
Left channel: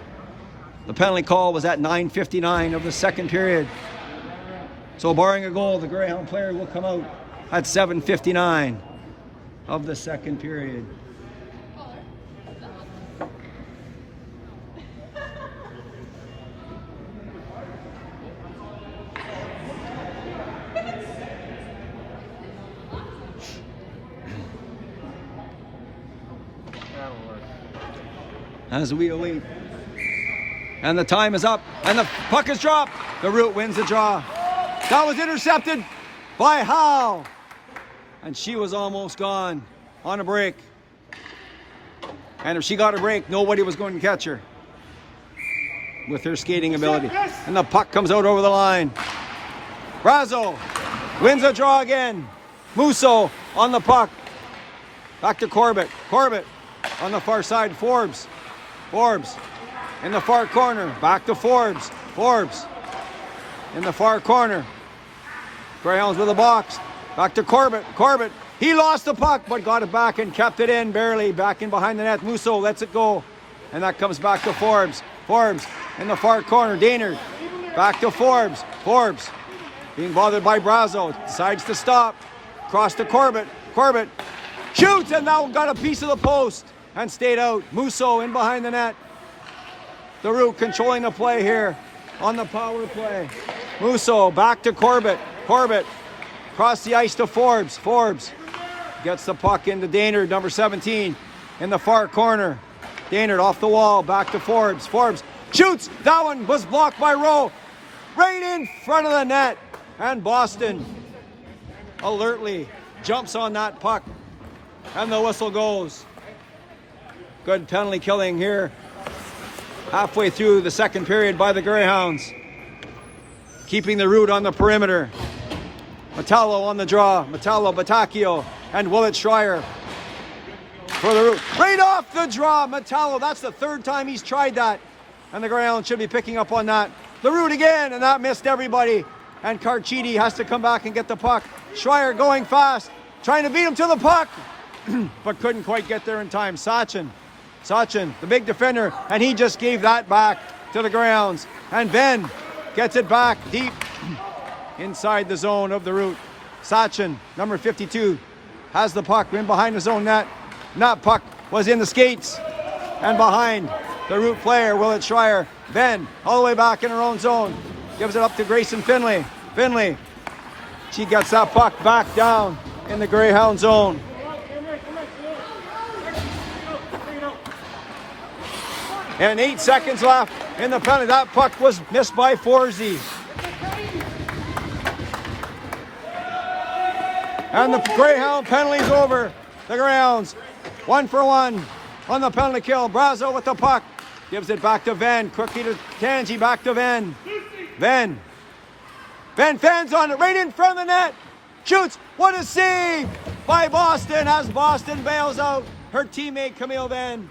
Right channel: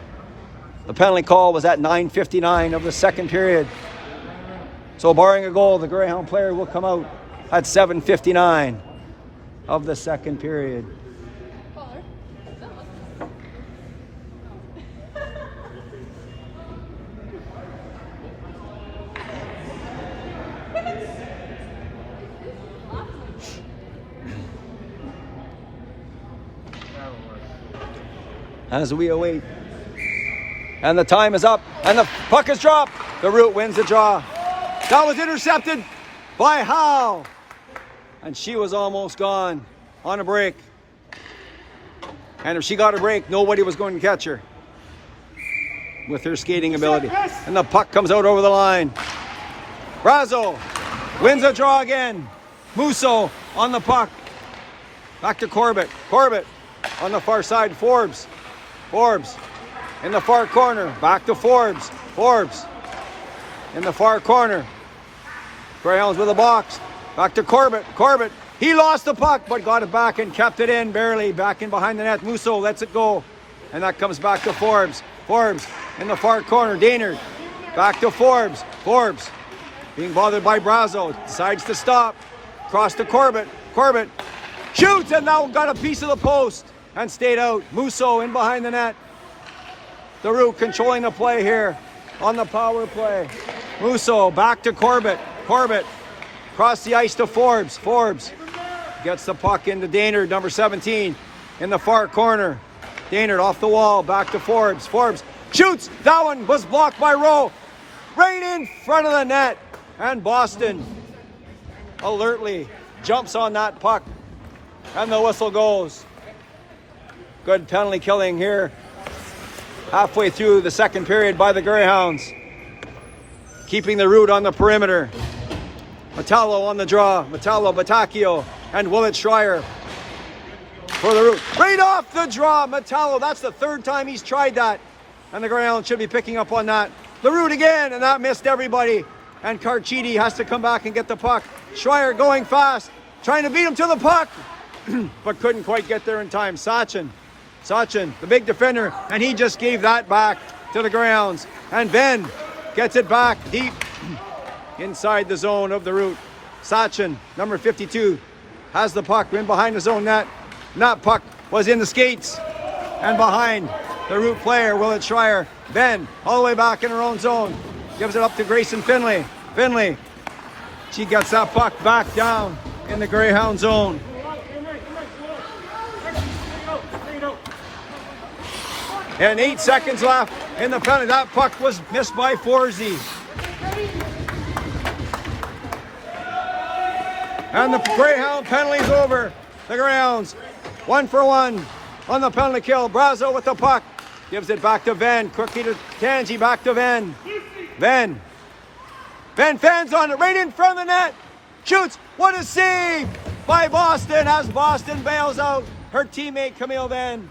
The penalty call was at 9:59 of the second period. So barring a goal, the Greyhound player will come out at 7:59 of the second period. As we await. And the time is up, and the puck is dropped. The Root wins the draw. That was intercepted by Howe. And she was almost gone on a break. And if she got a break, nobody was going to catch her with her skating ability. And the puck comes out over the line. Brazo wins a draw again. Musso on the puck. Back to Corbett. Corbett on the far side. Forbes. Forbes in the far corner. Back to Forbes. Forbes in the far corner. Greyhounds with a box. Back to Corbett. Corbett. He lost the puck, but got it back and kept it in barely. Back in behind the net. Musso lets it go. And that comes back to Forbes. Forbes in the far corner. Daynard. Back to Forbes. Forbes being bothered by Brazo. Decides to stop. Cross to Corbett. Corbett shoots and now got a piece of the post and stayed out. Musso in behind the net. The Root controlling the play here on the power play. Musso back to Corbett. Corbett across the ice to Forbes. Forbes gets the puck into Daynard, number 17, in the far corner. Daynard off the wall, back to Forbes. Forbes shoots. That one was blocked by Rowe. Right in front of the net. And Boston alertly jumps on that puck. And the whistle goes. Good penalty killing here. Halfway through the second period by the Greyhounds. Keeping the Root on the perimeter. Metallo on the draw. Metallo, Batacchio, and Willett Schreier for the Root. Right off the draw, Metallo. That's the third time he's tried that. And the Greyhounds should be picking up on that. The Root again, and that missed everybody. And Carchidi has to come back and get the puck. Schreier going fast, trying to beat him to the puck, but couldn't quite get there in time. Sachin, the big defender, and he just gave that back to the Greyhounds. And Ben gets it back deep inside the zone of the Root. Sachin, number 52, has the puck in behind his own net. And that puck was in the skates and behind the Root player, Willett Schreier. Ben, all the way back in her own zone, gives it up to Grayson Finley. Finley, she gets that puck back down in the Greyhound zone. And 8 seconds left in the penalty. That puck was missed by Forsey. And the Greyhound penalty's over. The Greyhounds 1 for 1 on the penalty kill. Brazo with the puck. Gives it back to Venn. Quickly to Tangi. Back to Venn. Venn fans on it. Right in front of the net. Shoots. What a save by Boston as Boston bails out her teammate Camille Venn.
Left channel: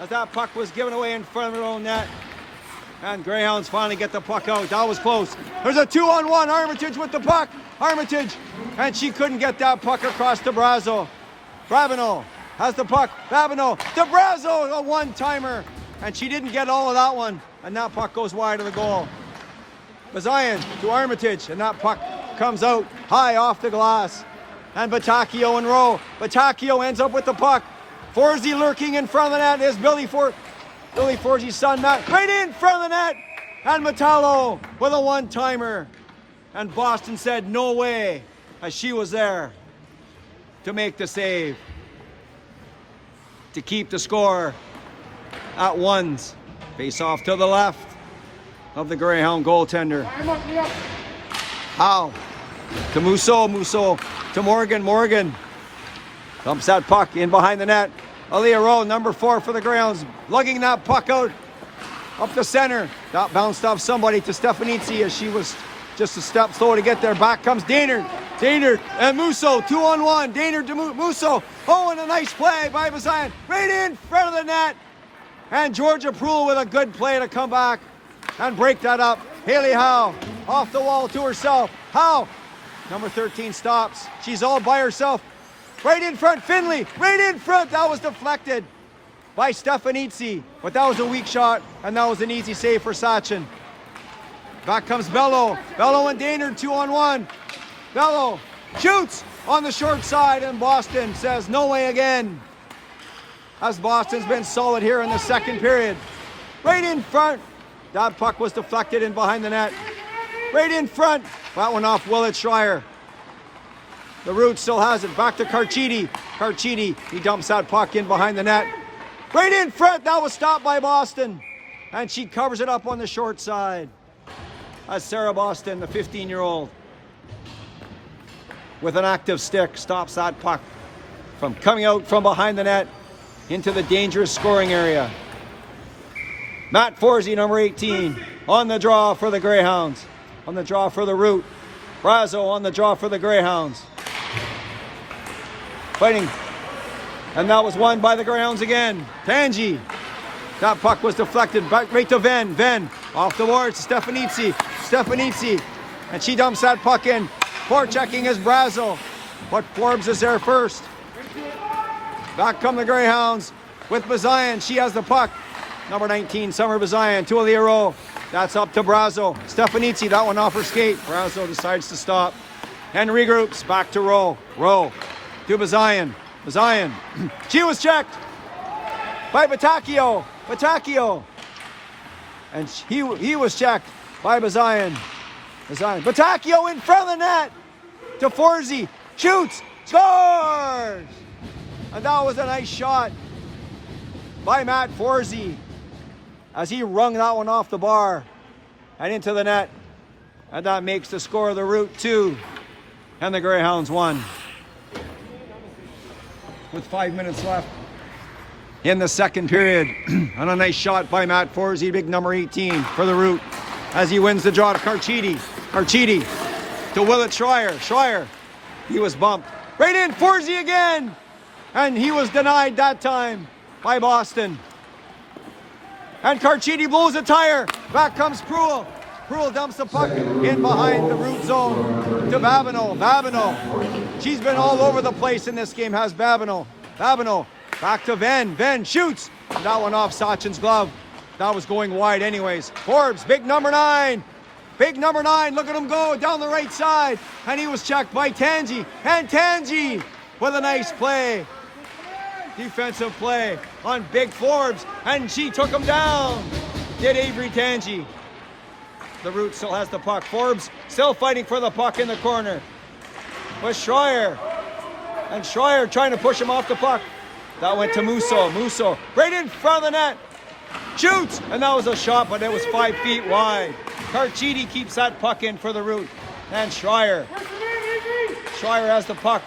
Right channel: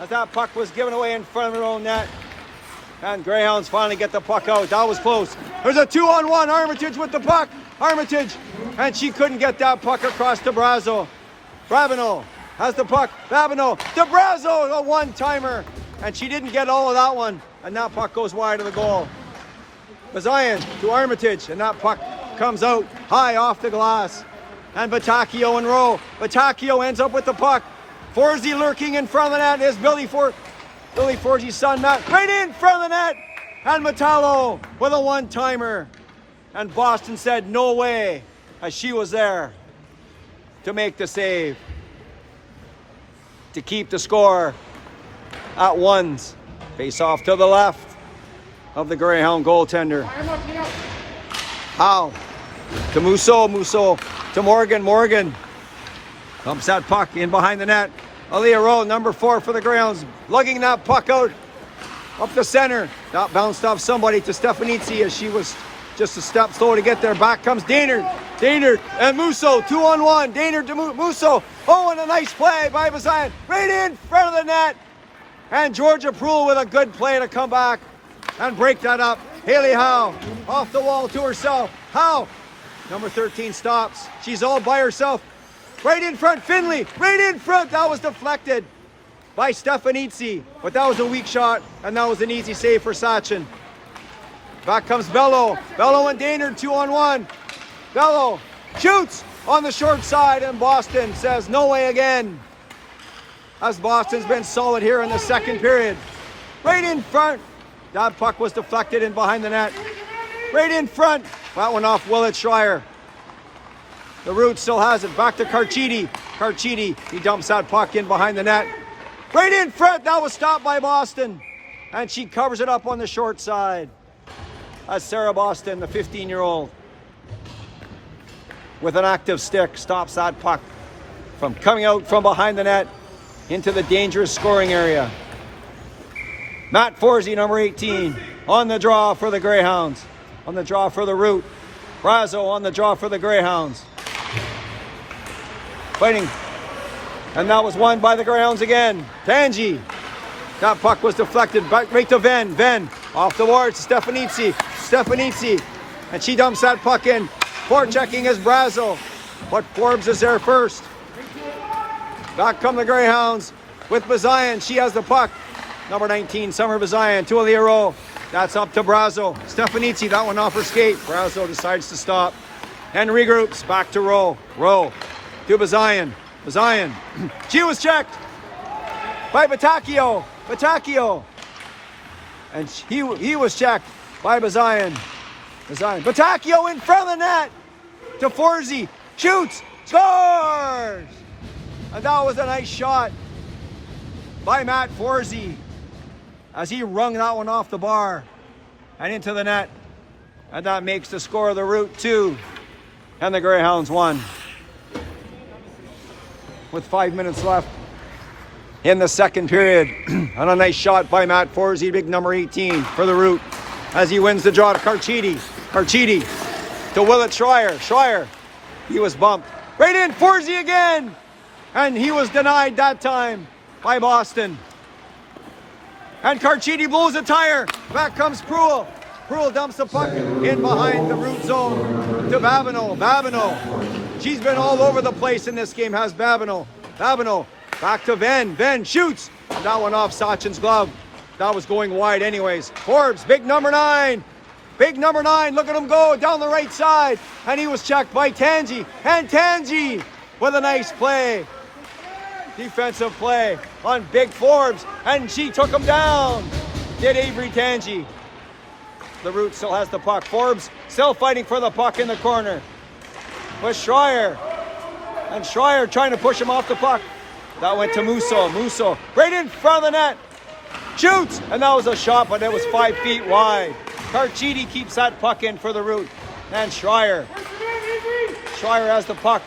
As that puck was given away in front of her own net. And Greyhounds finally get the puck out. That was close. There's a 2-on-1. Armitage with the puck. Armitage. And she couldn't get that puck across to Brazo. Brabino has the puck. Babineau to Brazo. A one-timer. And she didn't get all of that one. And that puck goes wide of the goal. Bazian to Armitage. And that puck comes out high off the glass. And Batacchio and Rowe. Batacchio ends up with the puck. Forsey lurking in front of the net is Billy Forsey's son, Matt, right in front of the net. And Metallo with a one-timer. And Boston said no way, as she was there to make the save. to keep the score at ones. Face off to the left of the Greyhound goaltender. Howe to Musso. Musso to Morgan. Morgan dumps that puck in behind the net. Aaliyah Rowe, number 4 for the Greyhounds, lugging that puck out up the center. That bounced off somebody to Stefanitsi as she was just a step slow to get there. Back comes Daynard. Daynard and Musso, 2-on-1. Daynard to Musso. Oh, and a nice play by Bazian. Right in front of the net. And Georgia Proulx with a good play to come back and break that up. Haley Howe off the wall to herself. Howe, number 13, stops. She's all by herself. Right in front, Finley. Right in front. That was deflected by Stefanitsi. But that was a weak shot, and that was an easy save for Sachin. Back comes Bello. Bello and Daynard, 2-on-1. Bello shoots on the short side, and Boston says no way again. As Boston's been solid here in the second period. Right in front. That puck was deflected in behind the net. Right in front. That one off Willett Schreier. The Root still has it. Back to Carchidi. Carchidi, he dumps that puck in behind the net. Right in front. That was stopped by Boston. And she covers it up on the short side. As Sarah Boston, the 15-year-old, with an active stick, stops that puck from coming out from behind the net into the dangerous scoring area. Matt Forsey, number 18, on the draw for the Greyhounds. On the draw for the Root. Brazo on the draw for the Greyhounds. Fighting. And that was won by the Greyhounds again. Tangi. That puck was deflected back right to Venn. Venn off the boards. Stefanitsi. Stefanitsi. And she dumps that puck in. Forechecking is Brazo. But Forbes is there first. Back come the Greyhounds with Bazian. She has the puck. Number 19, Summer Bazian to Aaliyah Rowe. That's up to Brazo. Stefanitsi, that one off her skate. Brazo decides to stop and regroups. Back to Rowe. Rowe to Bazian. Bazian. She was checked by Batacchio. Batacchio. And he was checked by Bazian. Bazian. Batacchio in front of the net to Forsey. Shoots. Scores! And that was a nice shot by Matt Forsey as he wrung that one off the bar and into the net. And that makes the score of the Root 2 and the Greyhounds 1. With 5 minutes left in the second period. And a nice shot by Matt Forsey, big number 18 for the Root, as he wins the draw to Carchidi. Carchidi to Willett Schreier. Schreier, he was bumped. Right in, Forsey again! And he was denied that time by Boston. And Carchidi blows a tire. Back comes Proulx. Proulx dumps the puck in behind the Root zone to Babineau. Babineau. She's been all over the place in this game, has Babineau. Babineau back to Venn. Venn shoots. That one off Sachin's glove. That was going wide anyways. Forbes, big number 9. Big number 9. Look at him go down the right side. And he was checked by Tangi. And Tangi with a nice play. Defensive play on Big Forbes, and she took him down. Did Avery Tangi. The Root still has the puck. Forbes still fighting for the puck in the corner. With Schreier. And Schreier trying to push him off the puck. That went to Musso. Musso right in front of the net. Shoots! And that was a shot, but it was 5 feet wide. Carchidi keeps that puck in for the Root. And Schreier. Schreier has the puck.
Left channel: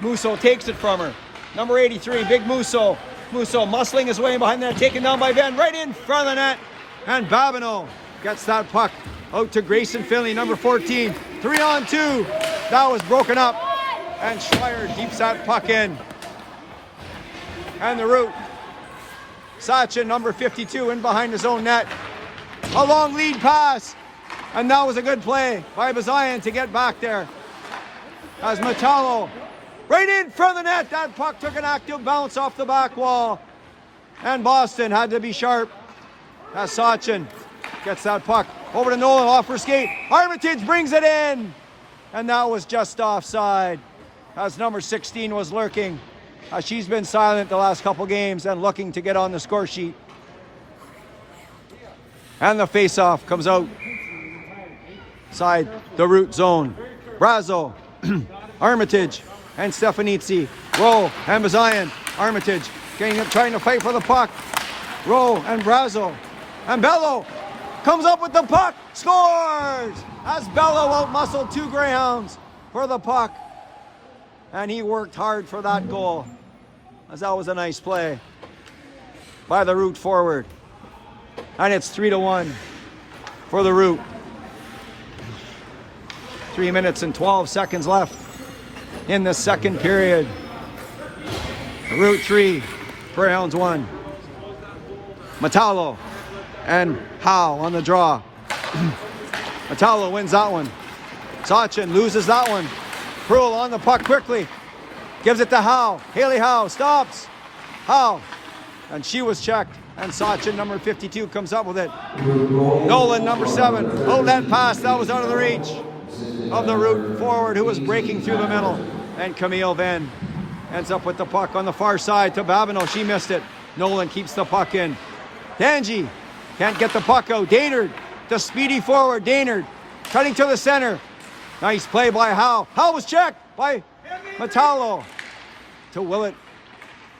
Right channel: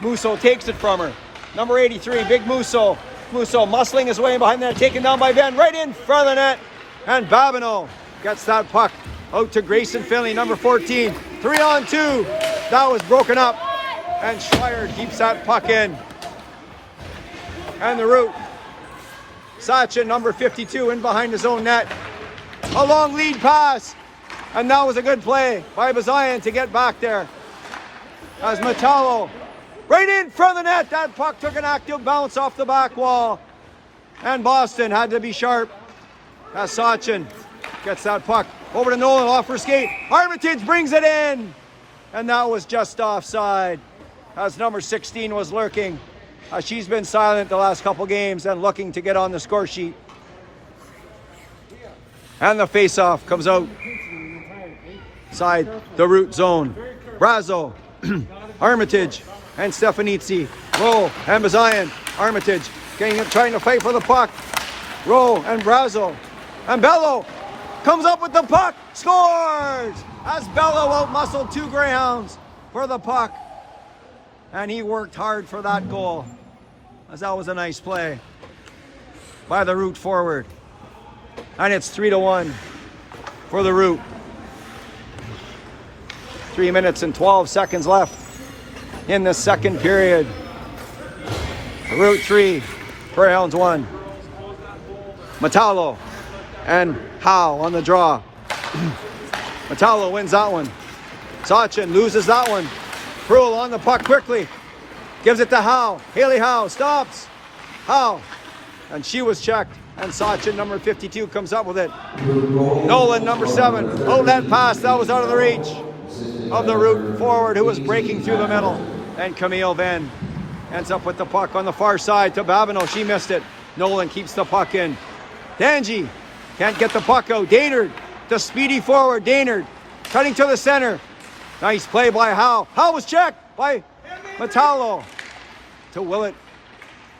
Musso takes it from her. Number 83, Big Musso. Musso muscling his way in behind that, taken down by Venn, right in front of the net. And Babineau gets that puck out to Grayson Finley, number 14. 3-on-2. That was broken up. And Schreier keeps that puck in. And the Root. Sachin, number 52, in behind his own net. A long lead pass. And that was a good play by Bazian to get back there. As Metallo right in front of the net. That puck took an active bounce off the back wall. And Boston had to be sharp. As Sachin gets that puck over to Nolan off her skate. Armitage brings it in. And that was just offside. As number 16 was lurking. She's been silent the last couple games and looking to get on the score sheet. And the face-off comes out. Side the Root zone. Brazo. Armitage. And Stefanitsi. Rowe and Bazian. Armitage trying to fight for the puck. Rowe and Brazo. And Bello comes up with the puck, scores! As Bello out-muscled two Greyhounds for the puck. And he worked hard for that goal, as that was a nice play by the Root forward. And it's 3-1 for the Root. 3 minutes and 12 seconds left in the second period. Root 3, Greyhounds 1. Metallo and Howe on the draw. Metallo wins that one. Sachin loses that one. Pruill on the puck quickly. Gives it to Howe. Haley Howe stops. Howe. And she was checked. And Sachin, number 52, comes up with it. Nolan, number 7. Outlet pass. That was out of the reach of the Root forward who was breaking through the middle. And Camille Venn ends up with the puck on the far side to Babineau. She missed it. Nolan keeps the puck in. Dangy can't get the puck out. Daynard, the speedy forward. Daynard cutting to the center. Nice play by Howe. Howe was checked by Metallo to Willett.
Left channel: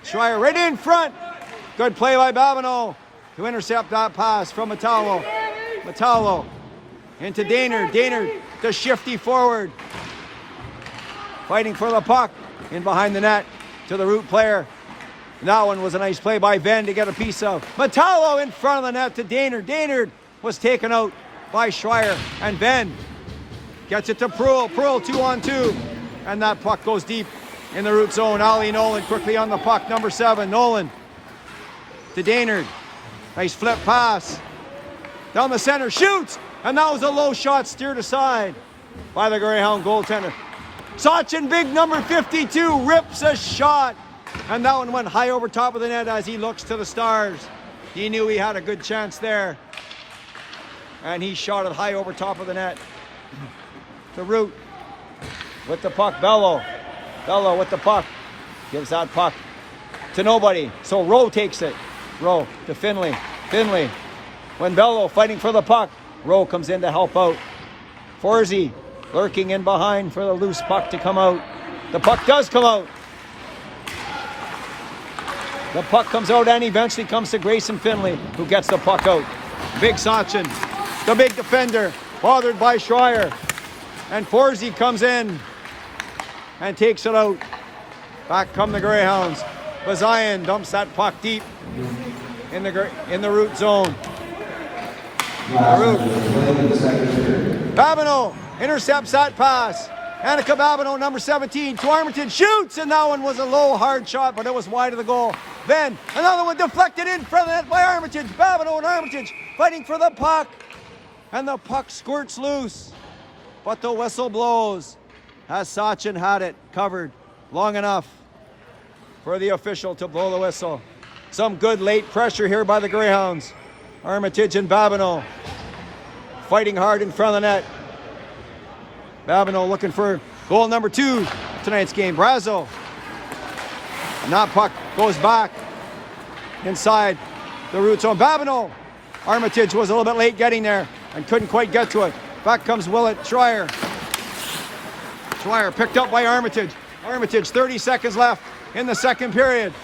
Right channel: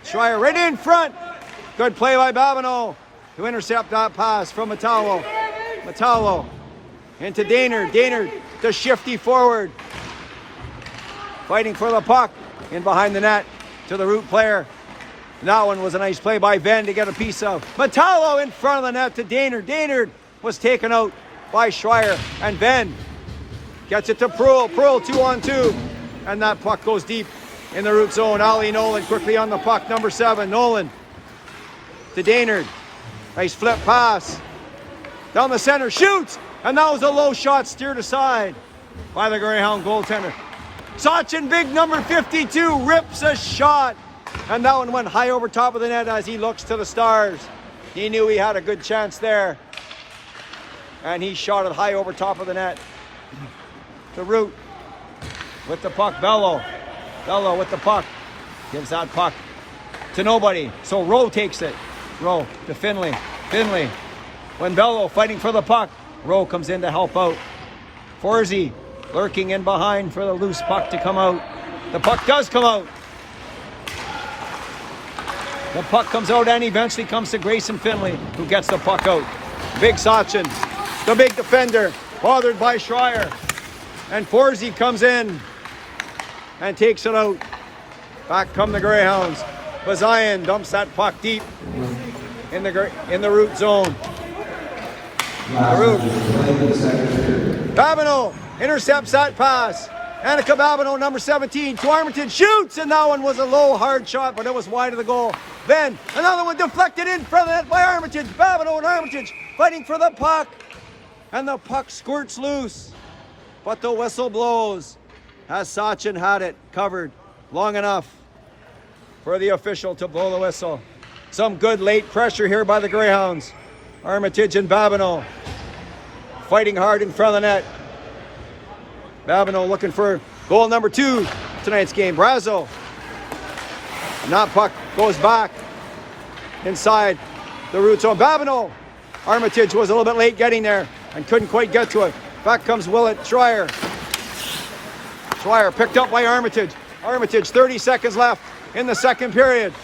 Schreier right in front. Good play by Babineau to intercept that pass from Metallo. Metallo into Daynard. Daynard, the shifty forward. Fighting for the puck in behind the net to the Root player. And that one was a nice play by Venn to get a piece of. Metallo in front of the net to Daynard. Daynard was taken out by Schreier. And Venn gets it to Pruill. Pruill 2-on-2. And that puck goes deep in the Root zone. Ali Nolan quickly on the puck. Number 7, Nolan to Daynard. Nice flip pass. Down the center. Shoots! And that was a low shot steered aside by the Greyhound goaltender. Sachin, big number 52, rips a shot. And that one went high over top of the net as he looks to the stars. He knew he had a good chance there. And he shot it high over top of the net. The Root with the puck. Bello. Bello with the puck. Gives that puck to nobody. So Rowe takes it. Rowe to Finley. Finley. When Bello fighting for the puck, Rowe comes in to help out. Forsey lurking in behind for the loose puck to come out. The puck does come out. The puck comes out and eventually comes to Grayson Finley, who gets the puck out. Big Sachin, the big defender, bothered by Schreier. And Forsey comes in and takes it out. Back come the Greyhounds. Bazayan dumps that puck deep in the Root zone. The Root. Babineau intercepts that pass. Annika Babineau, number 17, to Armitage, shoots, and that one was a low, hard shot, but it was wide of the goal. Then another one deflected in front of the net by Armitage. Babineau and Armitage fighting for the puck, and the puck squirts loose, but the whistle blows as Sachin had it covered long enough for the official to blow the whistle. Some good late pressure here by the Greyhounds. Armitage and Babineau fighting hard in front of the net. Babineau looking for goal number 2 tonight's game. Brazo. And that puck goes back inside the Root zone. Babineau. Armitage was a little bit late getting there and couldn't quite get to it. Back comes Willett. Schreier. Schreier picked up by Armitage. Armitage, 30 seconds left in the second period.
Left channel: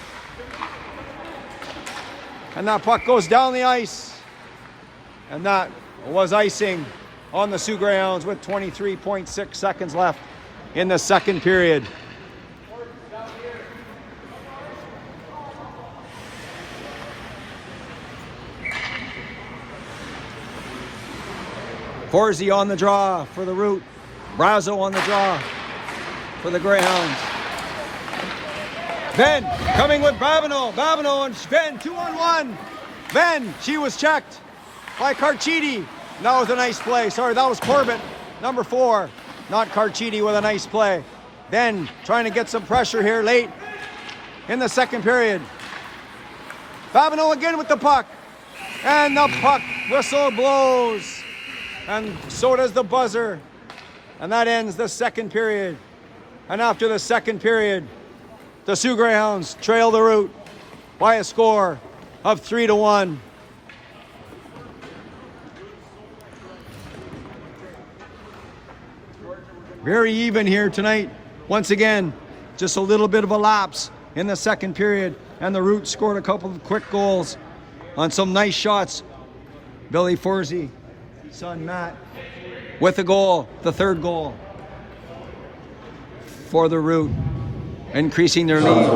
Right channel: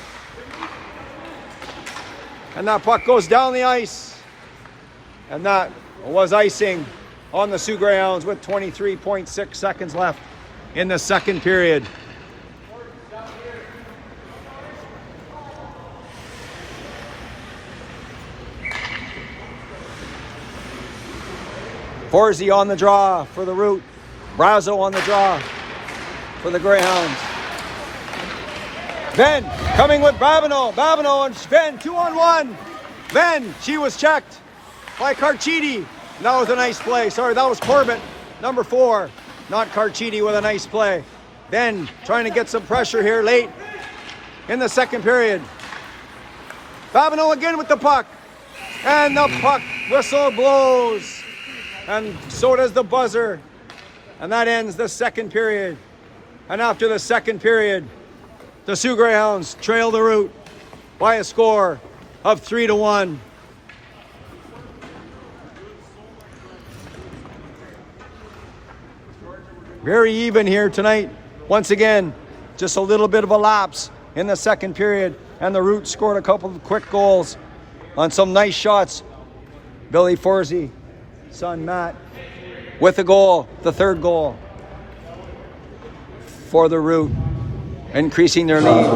And that puck goes down the ice. And that was icing on the Soo Greyhounds with 23.6 seconds left in the second period. Forsey on the draw for the Root. Brazo on the draw for the Greyhounds. Venn coming with Babineau. Babineau and Venn 2-on-1. Venn, she was checked by Carchidi. That was a nice play. Sorry, that was Corbett, number 4. Not Carchidi with a nice play. Venn trying to get some pressure here late in the second period. Babineau again with the puck. And the puck whistle blows. And so does the buzzer. And that ends the second period. And after the second period, the Soo Greyhounds trail the Root by a score of 3-1. Very even here tonight. Once again, just a little bit of a lapse in the second period, and the Root scored a couple of quick goals on some nice shots. Billy Forsey, son Matt, with the goal, the third goal for the Root, increasing their lead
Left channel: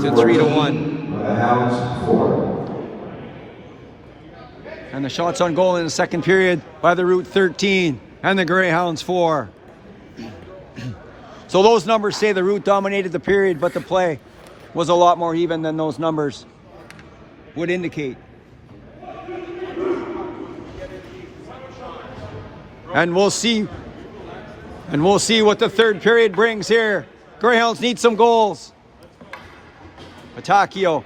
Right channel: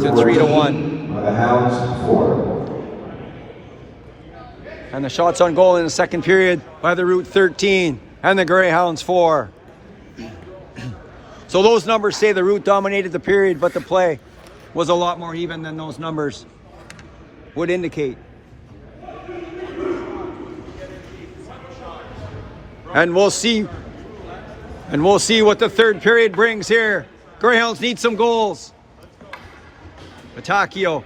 to 3-1. And the shots on goal in the second period by the Root, 13, and the Greyhounds 4. So those numbers say the Root dominated the period, but the play was a lot more even than those numbers would indicate. And we'll see what the third period brings here. Greyhounds need some goals. Patacchio,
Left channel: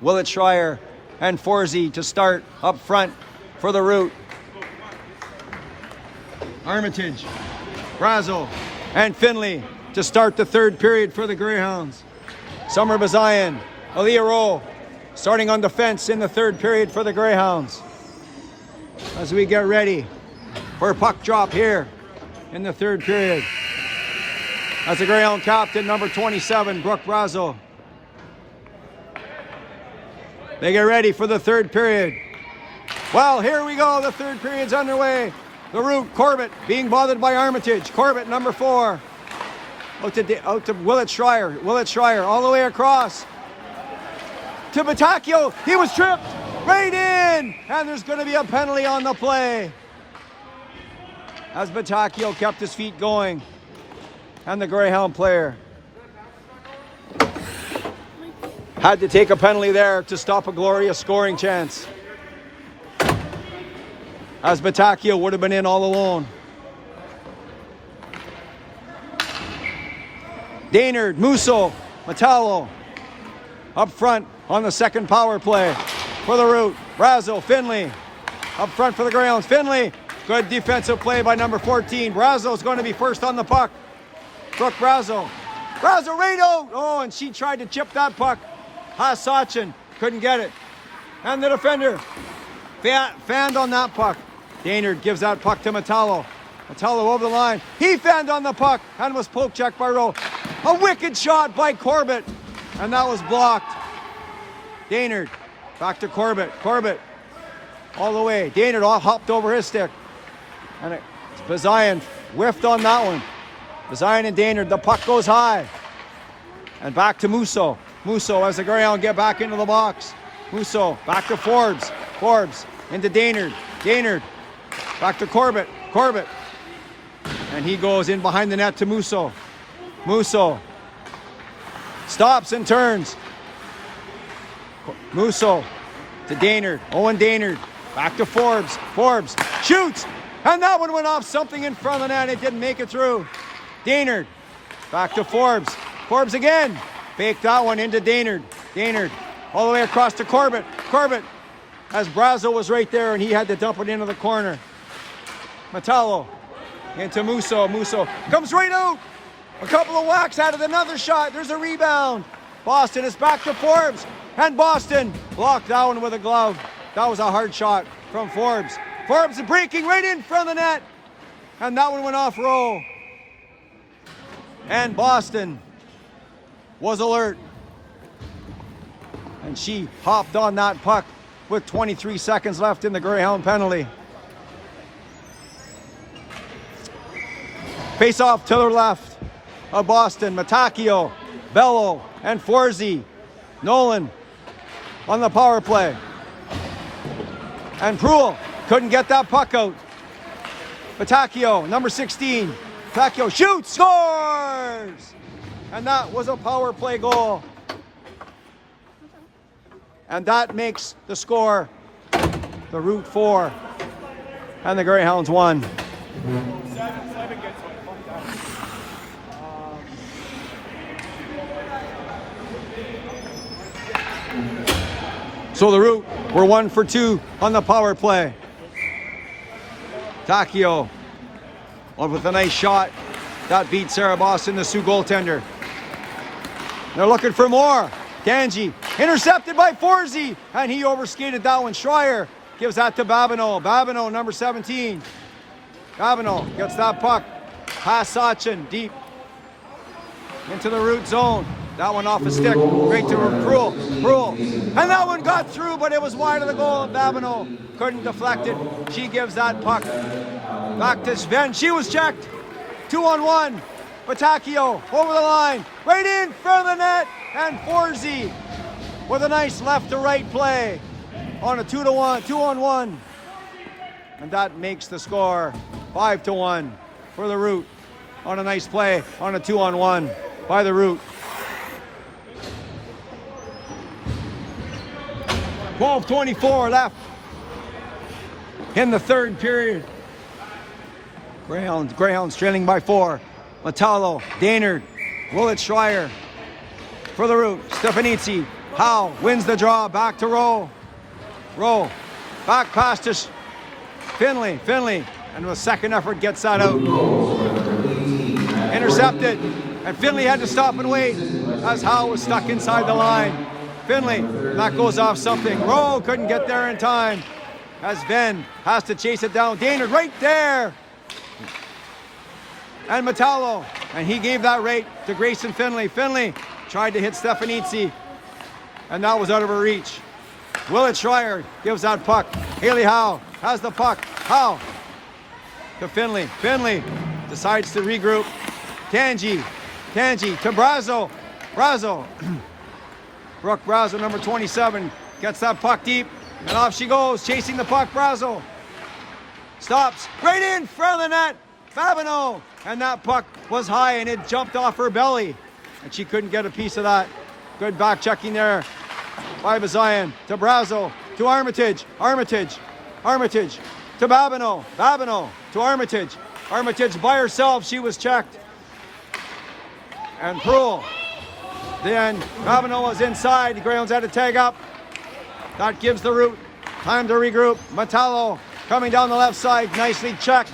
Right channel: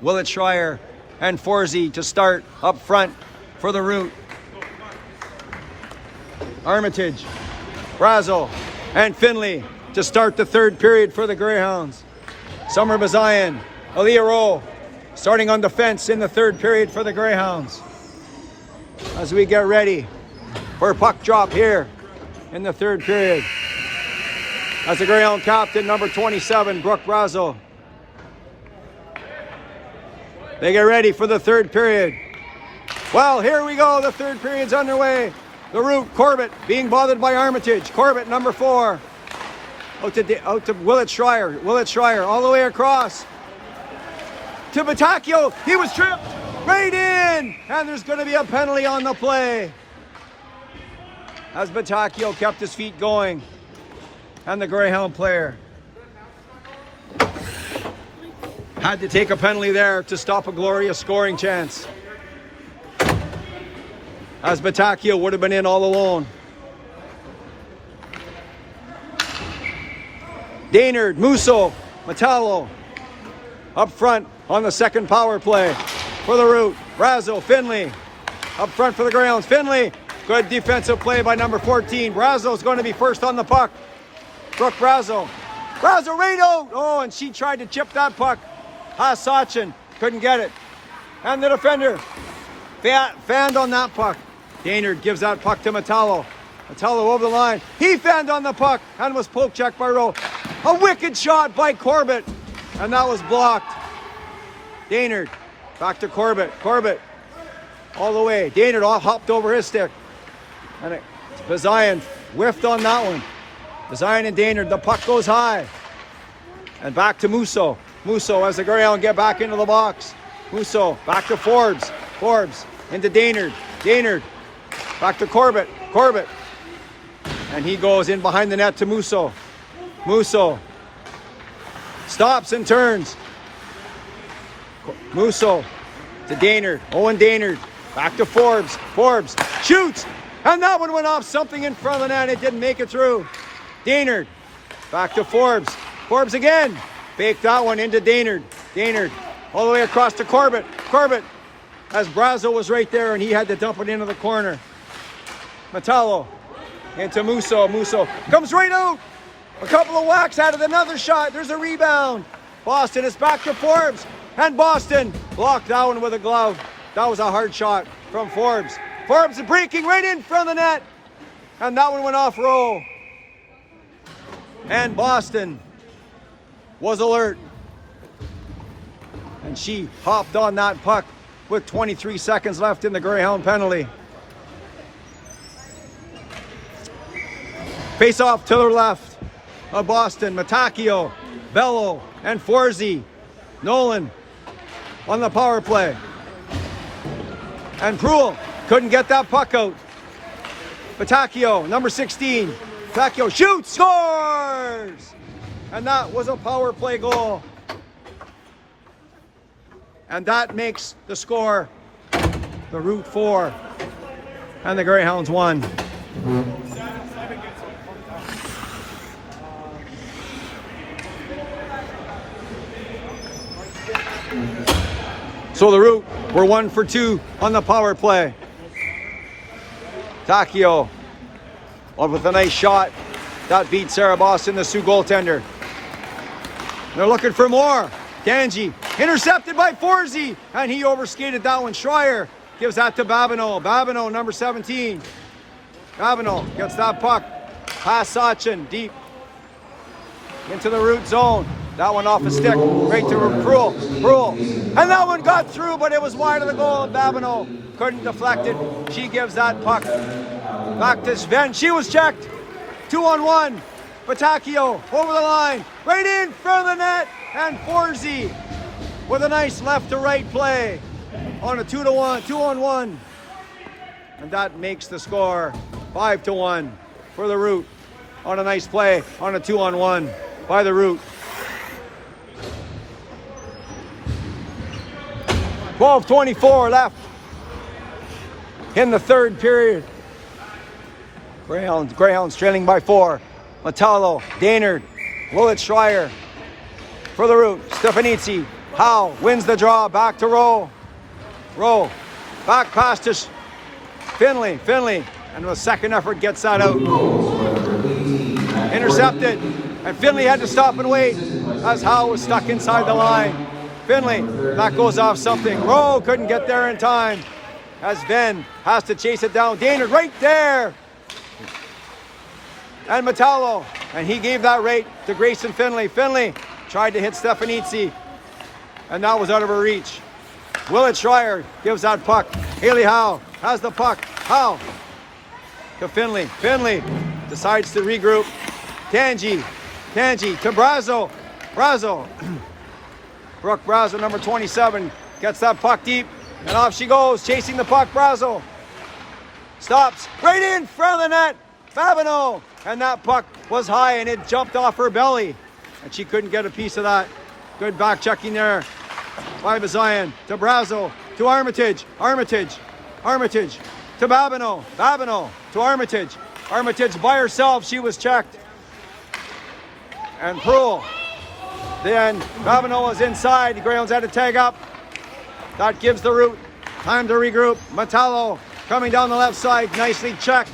Willett Schreier, and Forsey to start up front for the Root. Armitage, Brazo, and Finley to start the third period for the Greyhounds. Summer Bazayan, Aaliyah Rowe starting on defense in the third period for the Greyhounds. As we get ready for a puck drop here in the third period. That's the Greyhound captain, number 27, Brooke Brazo. They get ready for the third period. Well, here we go. The third period's underway. The Root, Corbett, being bothered by Armitage. Corbett, number 4. Out to Willett Schreier. Willett Schreier all the way across to Patacchio. He was tripped right in. And there's going to be a penalty on the play, as Patacchio kept his feet going. And the Greyhound player had to take a penalty there to stop a glorious scoring chance, as Patacchio would have been in all alone. Daynard, Musso, Metallo up front on the second power play for the Root. Brazo, Finley up front for the Greyhounds. Finley, good defensive play by number 14. Brazo's going to be first on the puck. Brooke Brazo. Brazo right out. Oh, and she tried to chip that puck. Sachin couldn't get it. And the defender fanned on that puck. Daynard gives that puck to Metallo. Metallo over the line. He fanned on the puck and was poke checked by Rowe. A wicked shot by Corbett, and that was blocked. Daynard back to Corbett. Corbett all the way. Daynard hopped over his stick. And Bazayan whiffed on that one. Bazayan and Daynard, the puck goes high. And back to Musso. Musso as the Greyhound get back into the box. Musso back to Forbes. Forbes into Daynard. Daynard back to Corbett. Corbett. And he goes in behind the net to Musso. Musso stops and turns. Musso to Daynard. Owen Daynard back to Forbes. Forbes shoots. And that one went off something in front of the net. It didn't make it through. Daynard back to Forbes. Forbes again. Faked that one into Daynard. Daynard all the way across to Corbett. Corbett, as Brazo was right there and he had to dump it into the corner. Metallo into Musso. Musso comes right out. A couple of whacks out of another shot. There's a rebound. Boston is back to Forbes. And Boston blocked that one with a glove. That was a hard shot from Forbes. Forbes breaking right in front of the net. And that one went off Rowe. And Boston was alert. And she hopped on that puck with 23 seconds left in the Greyhound penalty. Face off to the left of Boston. Matacchio, Bello, and Forsey. Nolan on the power play. And Pruill couldn't get that puck out. Patacchio, number 16. Patacchio shoots, scores! And that was a power play goal. And that makes the score the Root 4 and the Greyhounds 1. So the Root were 1 for 2 on the power play. Tacchio with a nice shot. That beat Sarah Boston, the Sioux goaltender. They're looking for more. Danji intercepted by Forsey, and he overskated that one. Schreier gives that to Babineau. Babineau, number 17. Babineau gets that puck. Pass Sachin, deep. into the root zone. That one off a stick, right to Brule. And that one got through, but it was wide of the goal. Babineau couldn't deflect it. She gives that puck back to Sven. She was checked. 2-on-1. Patacchio over the line, right in front of the net, and Forsey with a nice left to right play on a 2-on-1. And that makes the score 5-1 for the Root on a nice play on a 2-on-1 by the Root. 12:24 left in the third period. Greyhounds trailing by 4. Metallo, Daynard, Willett Schreier for the Root. Stefanitsi, Howe wins the draw, back to Rowe, back past to Finley, and the second effort gets that out. Intercepted, and Finley had to stop and wait as Howe was stuck inside the line. Finley, that goes off something. Rowe couldn't get there in time as Venn has to chase it down. Daynard right there. And Metallo, and he gave that right to Grayson Finley. Finley tried to hit Stefanitsi, and that was out of her reach. Willett Schreier gives that puck. Haley Howe has the puck. Howe to Finley. Finley decides to regroup. Tangi to Brazo. Brooke Brazo, number 27, gets that puck deep, and off she goes, chasing the puck. Brazo stops right in front of the net. Babineau, and that puck was high and it jumped off her belly, and she couldn't get a piece of that. Good back checking there by Bazian to Brazo to Armitage to Babineau to Armitage by herself. She was checked, and Prule. Then Babineau was inside. The Greyhounds had to tag up. That gives the Root time to regroup. Metallo coming down the left side, nicely checked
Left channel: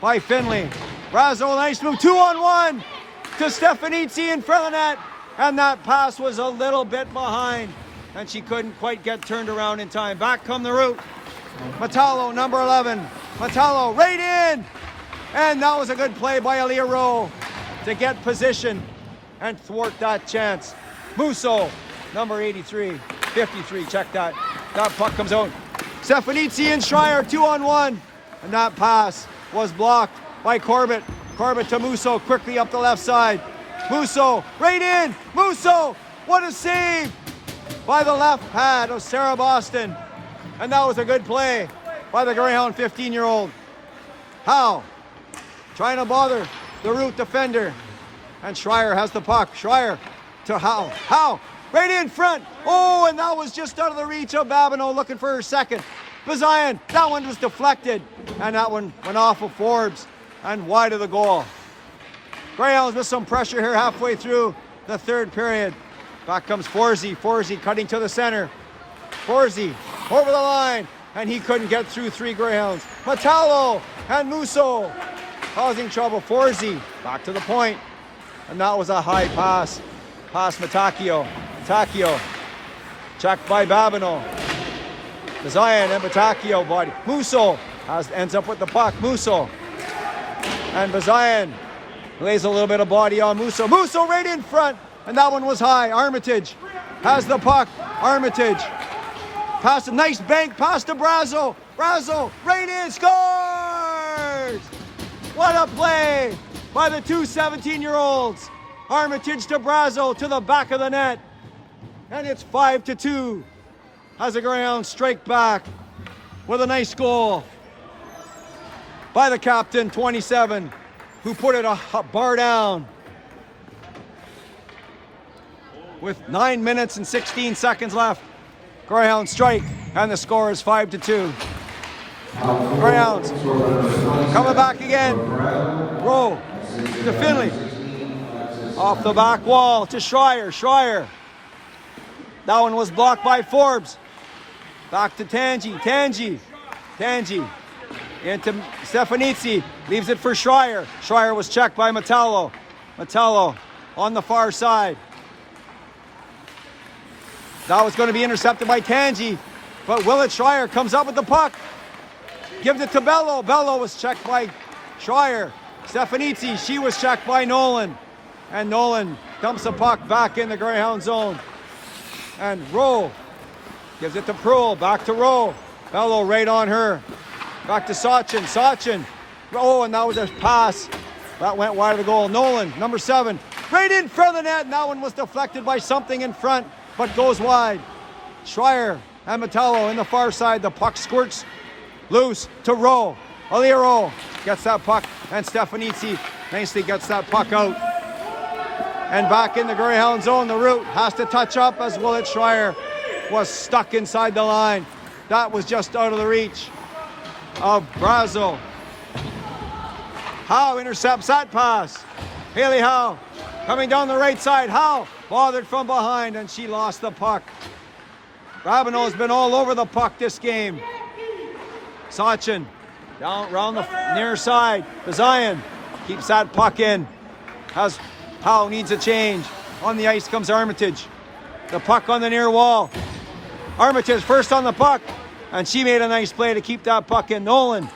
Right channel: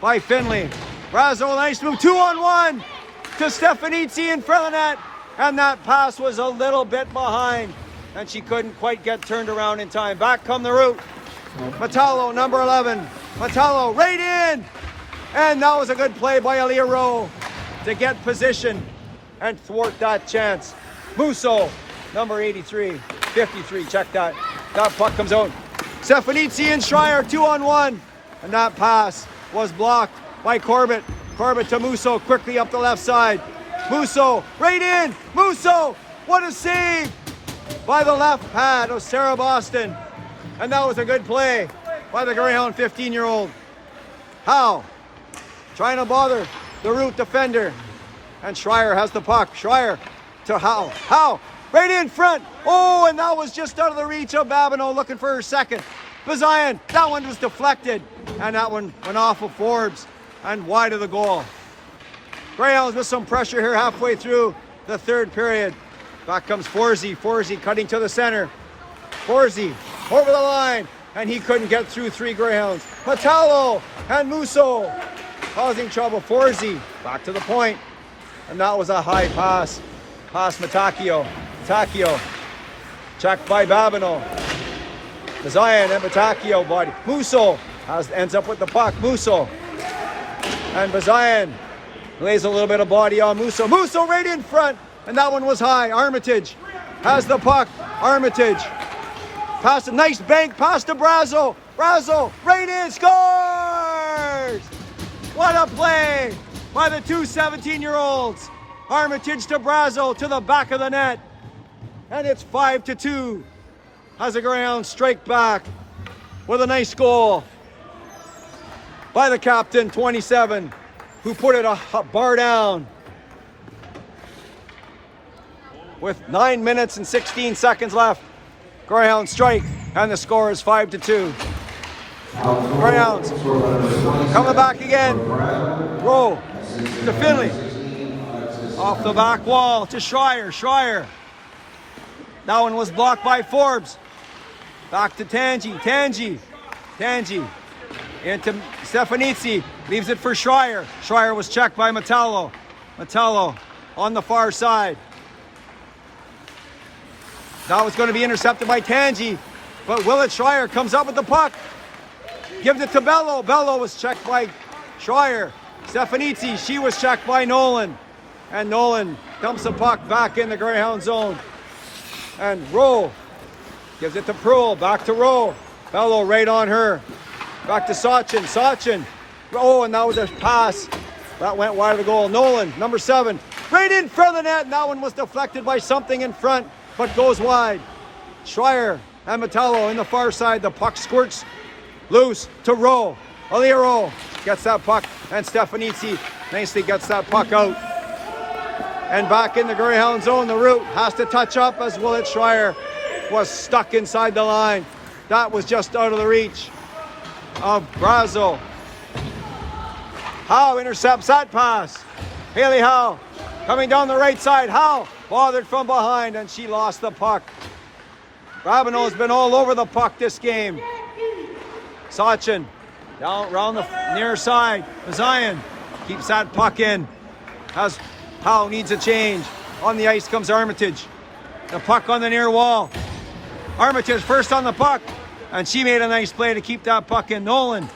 by Finley. Brazo, nice move, 2-on-1 to Stefanitsi in front of the net, and that pass was a little bit behind, and she couldn't quite get turned around in time. Back come the Root. Metallo, number 11. Metallo right in, and that was a good play by Aaliyah Rowe to get position and thwart that chance. Musso, number 53, check that. That puck comes out. Stefanitsi and Schreier, 2-on-1, and that pass was blocked by Corbett. Corbett to Musso, quickly up the left side. Musso, right in. Musso, what a save by the left pad of Sarah Boston. And that was a good play by the Greyhound 15-year-old. Howe, trying to bother the Root defender. And Schreier has the puck. Schreier to Howe. Howe, right in front. Oh, and that was just out of the reach of Babineau, looking for her second. Bazian, that one was deflected, and that one went off of Forbes and wide of the goal. Greyhounds with some pressure here halfway through the third period. Back comes Forsey. Forsey cutting to the center. Forsey over the line, and he couldn't get through 3 Greyhounds. Metallo and Musso causing trouble. Forsey back to the point, and that was a high pass. Past Matacchio. Matacchio checked by Babineau. Bazian and Patacchio body. Musso ends up with the puck. Musso and Bazian lays a little bit of body on Musso. Musso right in front, and that one was high. Armitage has the puck. Armitage pass a nice bank pass to Brazo. Brazo right in, scores! What a play by the two 17-year-olds. Armitage to Brazo to the back of the net, and it's 5-2. As the Greyhounds strike back with a nice goal by the captain, 27, who put it a bar down with 9 minutes and 16 seconds left. Greyhounds strike, and the score is 5-2. Greyhounds coming back again. Rowe to Finley. Off the back wall to Schreier. Schreier. That one was blocked by Forbes. Back to Tangi. Tangi into Stefanitsi. Leaves it for Schreier. Schreier was checked by Metallo. Metallo on the far side. That was going to be intercepted by Tangi, but Willett Schreier comes up with the puck. Gives it to Bello. Bello was checked by Schreier. Stefanitsi, she was checked by Nolan. And Nolan dumps the puck back in the Greyhound zone. And Rowe gives it to Proul. Back to Rowe. Bello right on her. Back to Sachin. Sachin. Oh, and that was a pass. That went wide of the goal. Nolan, number 7. Right in front of the net. And that one was deflected by something in front, but goes wide. Schreier and Metallo in the far side. The puck squirts loose to Rowe. Rowe gets that puck, and Stefanitsi nicely gets that puck out. And back in the Greyhound zone, the route has to touch up as Willett Schreier was stuck inside the line. That was just out of the reach of Brazo. Howe intercepts that pass. Haley Howe coming down the right side. Howe bothered from behind, and she lost the puck. Rabineau has been all over the puck this game. Sachin down around the near side. Zion keeps that puck in. Howe needs a change. On the ice comes Armitage. The puck on the near wall. Armitage first on the puck, and she made a nice play to keep that puck in. Nolan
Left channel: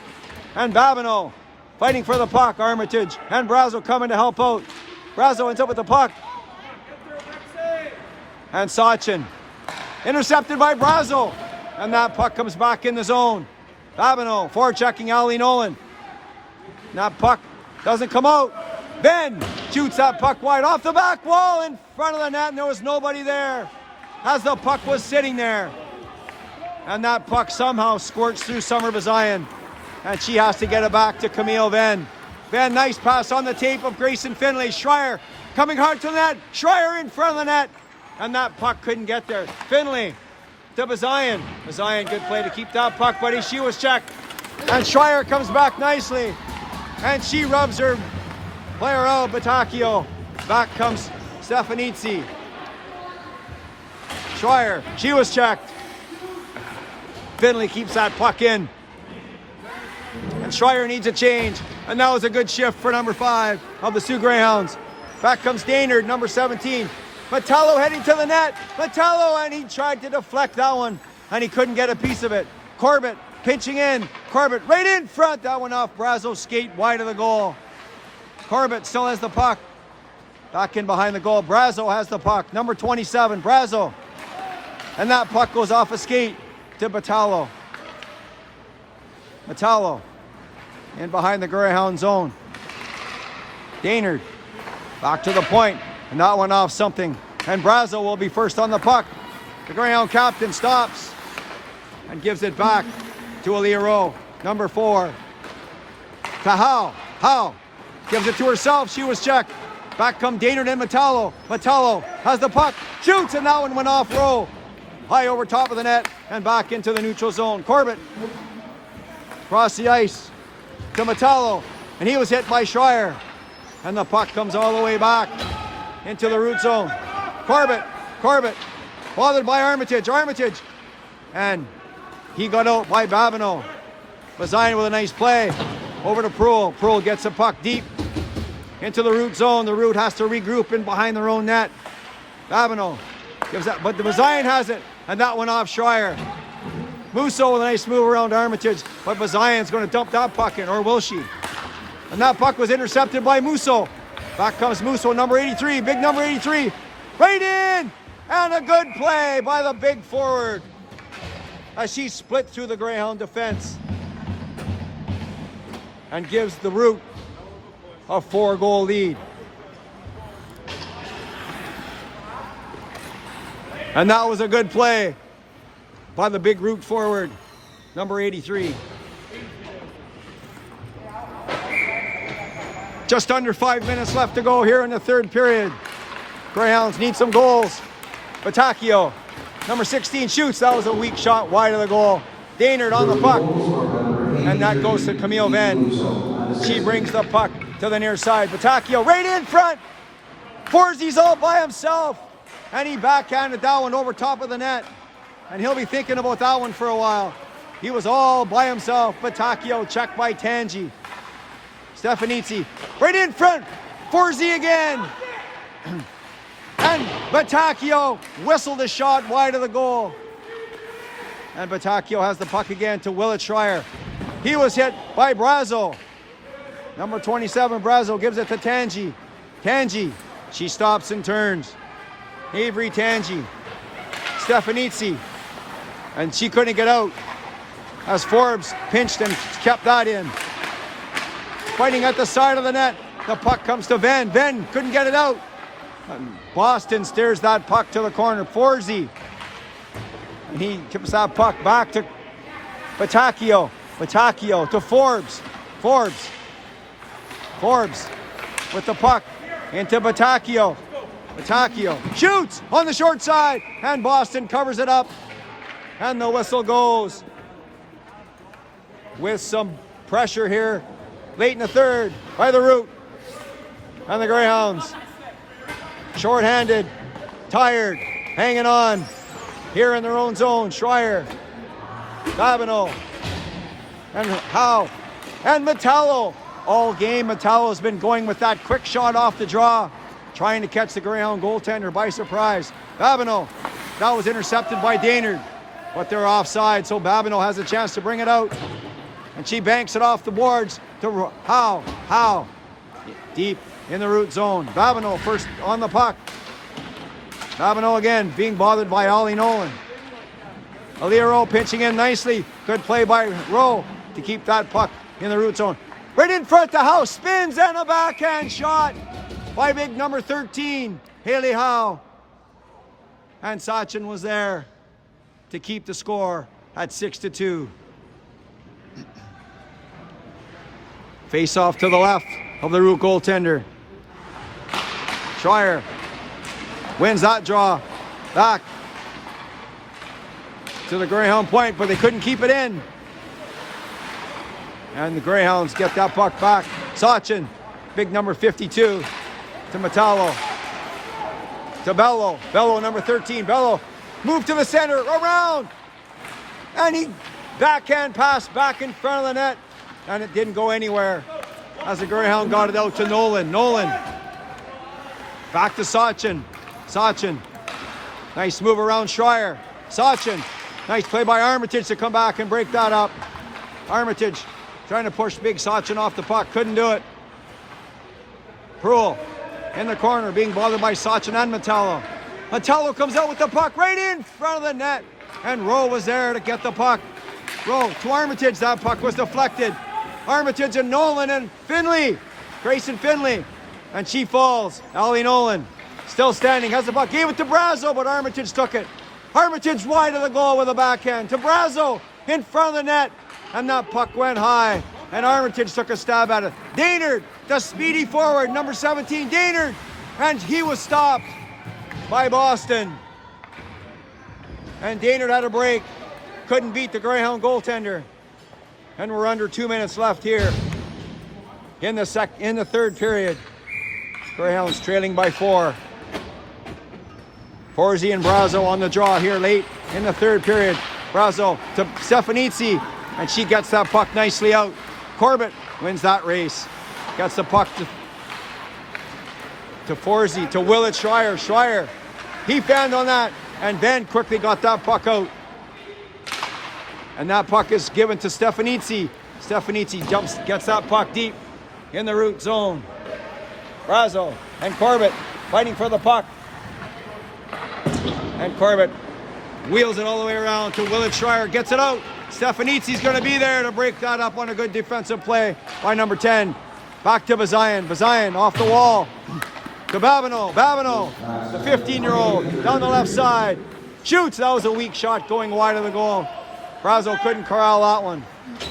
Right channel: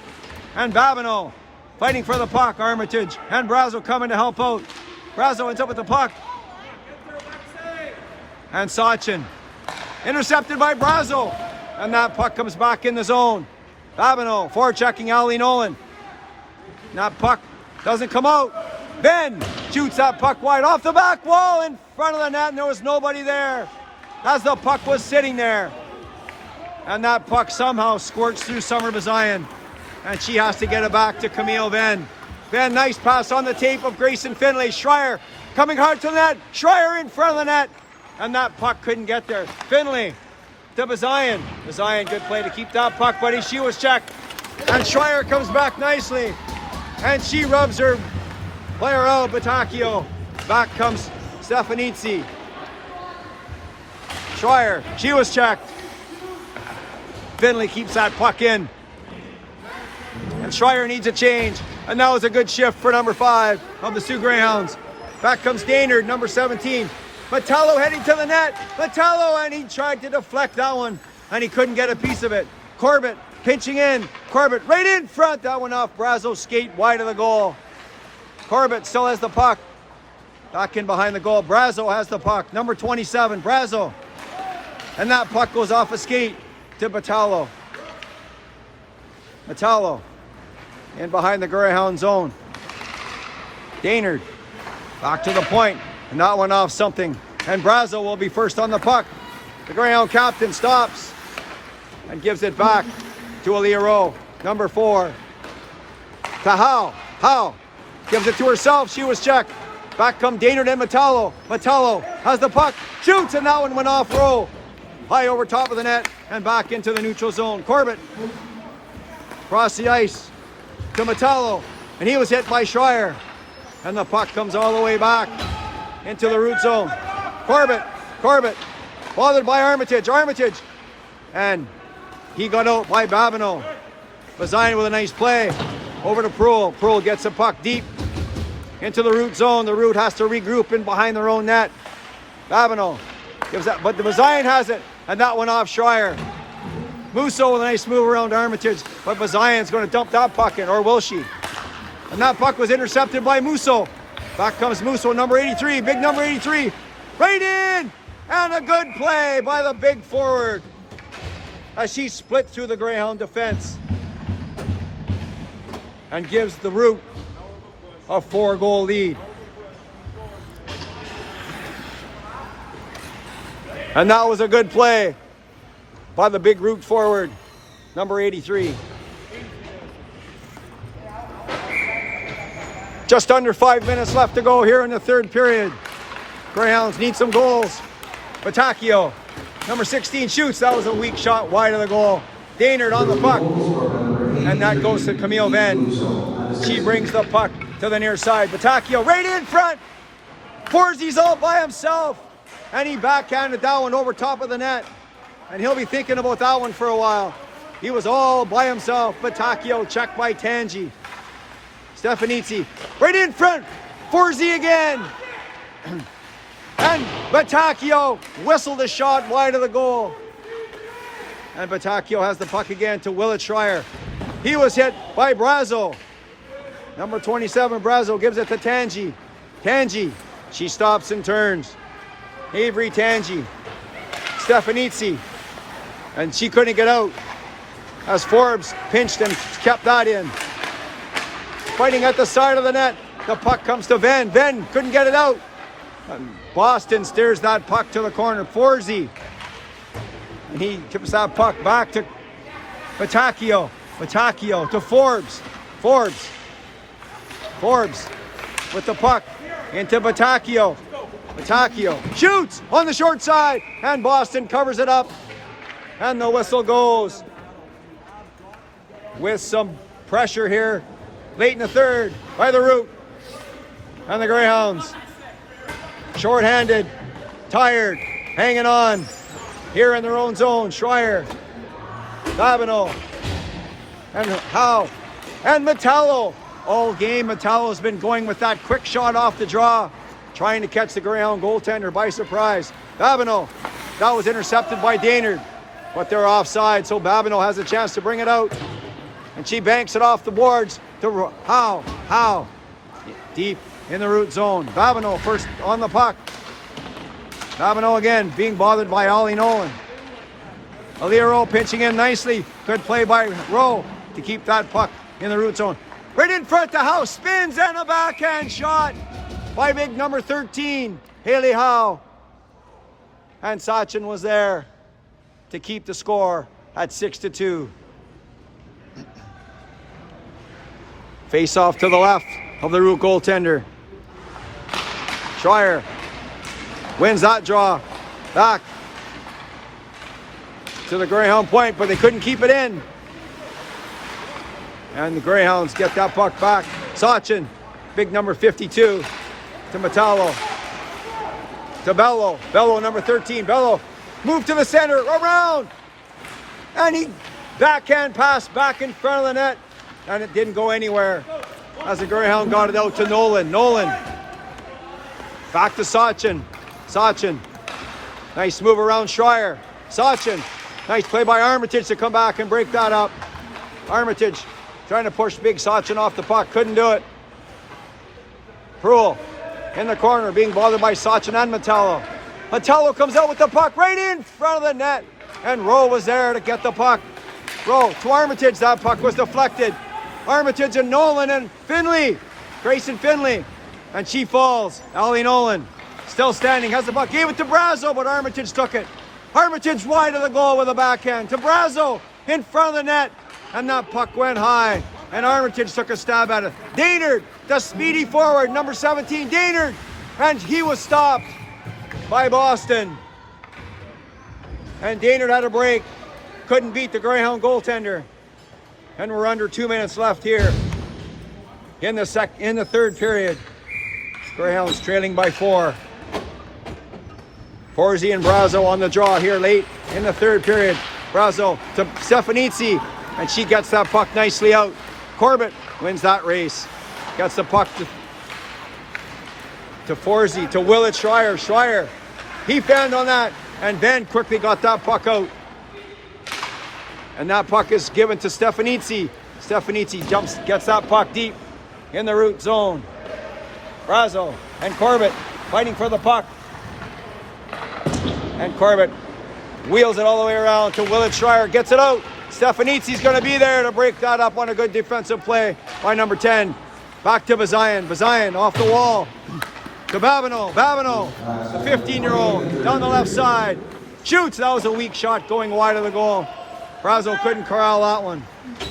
and Babineau fighting for the puck. Armitage and Brazo coming to help out. Brazo ends up with the puck. And Sachin intercepted by Brazo. And that puck comes back in the zone. Babineau forechecking Ali Nolan. And that puck doesn't come out. Ben shoots that puck wide off the back wall in front of the net, and there was nobody there as the puck was sitting there. And that puck somehow squirts through Summer Bazayan, and she has to get it back to Camille Venn. Venn, nice pass on the tape of Grayson Finlay. Schreier coming hard to the net. Schreier in front of the net, and that puck couldn't get there. Finlay to Bazayan. Bazayan, good play to keep that puck, buddy. She was checked, and Schreier comes back nicely, and she rubs her player out, Batacchio. Back comes Stefanitsi. Schreier, she was checked. Finlay keeps that puck in. And Schreier needs a change. And that was a good shift for number 5 of the Soo Greyhounds. Back comes Gaynard, number 17. Metallo heading to the net. Metallo, and he tried to deflect that one, and he couldn't get a piece of it. Corbett pinching in. Corbett right in front. That one off Brazo's skate wide of the goal. Corbett still has the puck. Back in behind the goal. Brazo has the puck. Number 27, Brazo. And that puck goes off a skate to Metallo. Metallo in behind the Greyhound zone. Daynard back to the point, and that one off something. And Brazo will be first on the puck. The Greyhound captain stops and gives it back to Aaliyah Rowe. Number 4 to Howe. Howe gives it to herself. She was checked. Back come Daynard and Metallo. Metallo has the puck. Shoots, and that one went off Rowe. High over top of the net and back into the neutral zone. Corbett across the ice to Metallo, and he was hit by Schreier. And the puck comes all the way back into the root zone. Corbett bothered by Armitage. And he got out by Babineau. Bazayan with a nice play over to Proul. Proul gets the puck deep into the root zone. The root has to regroup in behind their own net. Babineau gives that, but the Bazayan has it, and that went off Schreier. Musso with a nice move around Armitage, but Bazayan's going to dump that puck in, or will she? And that puck was intercepted by Musso. Back comes Musso, number 83, big number 83. Right in! And a good play by the big forward as she split through the Greyhound defense and gives the Root a 4-goal lead. And that was a good play by the big Root forward, number 83. Just under 5 minutes left to go here in the third period. Greyhounds need some goals. Batacchio, number 16, shoots. That was a weak shot wide of the goal. Daynard on the puck. And that goes to Camille Venn. She brings the puck to the near side. Batacchio right in front. Forzy's all by himself. And he backhanded that one over top of the net. And he'll be thinking about that one for a while. He was all by himself. Batacchio checked by Tangi. Stefanitsi right in front. Forzy again. And Batacchio whistled a shot wide of the goal. And Batacchio has the puck again to Willett Schreier. He was hit by Brazo. Number 27, Brazo gives it to Tangi. Tangi She stops and turns. Avery Tangi. Stefanitsi. And she couldn't get out as Forbes pinched and kept that in. Fighting at the side of the net. The puck comes to Venn. Venn couldn't get it out. And Boston steers that puck to the corner. Forsey. And he tips that puck back to Batacchio. Batacchio to Forbes. Forbes with the puck into Batacchio. Batacchio shoots on the short side, and Boston covers it up. And the whistle goes. With some pressure here late in the third by the Root. And the Greyhounds, short-handed, tired, hanging on here in their own zone. Schreier, Babineau, and Howe, and Metallo. All game, Metallo's been going with that quick shot off the draw, trying to catch the Greyhound goaltender by surprise. Babineau, that was intercepted by Daynard, but they're offside, so Babineau has a chance to bring it out. And she banks it off the boards to Howe, deep in the Root zone. Babineau first on the puck. Babineau again being bothered by Ollie Nolan. Aaliyah Rowe pinching in nicely. Good play by Rowe to keep that puck in the Root zone. Right in front to Howe. Spins and a backhand shot by big number 13, Haley Howe. And Sachin was there to keep the score at 6-2. Face off to the left of the Root goaltender. Schreier wins that draw. Back to the Greyhound point, but they couldn't keep it in. And the Greyhounds get that puck back. Sachin, big number 52, to Metallo. To Bello. Bello, number 13. Bello, move to the center, around. And he backhand pass back in front of the net. And it didn't go anywhere as the Greyhound got it out to Nolan. Nolan. Back to Sachin. Sachin. Nice move around Schreier. Sachin. Nice play by Armitage to come back and break that up. Armitage trying to push big Sachin off the puck. Couldn't do it. Proul in the corner being bothered by Sachin and Metallo. Metallo comes out with the puck right in front of the net. And Rowe was there to get the puck. Rowe to Armitage. That puck was deflected. Armitage and Nolan and Finley. Grayson Finley. And she falls. Ollie Nolan still standing. Has the puck. Gave it to Brazo, but Armitage took it. Armitage wide of the goal with a backhand. To Brazo in front of the net. And that puck went high. And Armitage took a stab at it. Daynard, the speedy forward, number 17. Daynard. And he was stopped by Boston. And Daynard had a break. Couldn't beat the Greyhound goaltender. And we're under 2 minutes left here in the third period. Greyhounds trailing by 4. Forsey and Brazo on the draw here late in the third period. Brazo to Stefanitsi, and she gets that puck nicely out. Corbett wins that race. Gets the puck to Forsey, to Willett Schreier. Schreier, he fanned on that, and Ben quickly got that puck out. And that puck is given to Stefanitsi. Stefanitsi jumps, gets that puck deep in the Root zone. Brazo and Corbett fighting for the puck. And Corbett wheels it all the way around to Willett Schreier. Gets it out. Stefanitsi's going to be there to break that up on a good defensive play by number 10. Back to Bazayan. Bazayan off the wall. To Babineau. Babineau, the 15-year-old, down the left side. Shoots. That was a weak shot going wide of the goal. Brazo couldn't corral that one.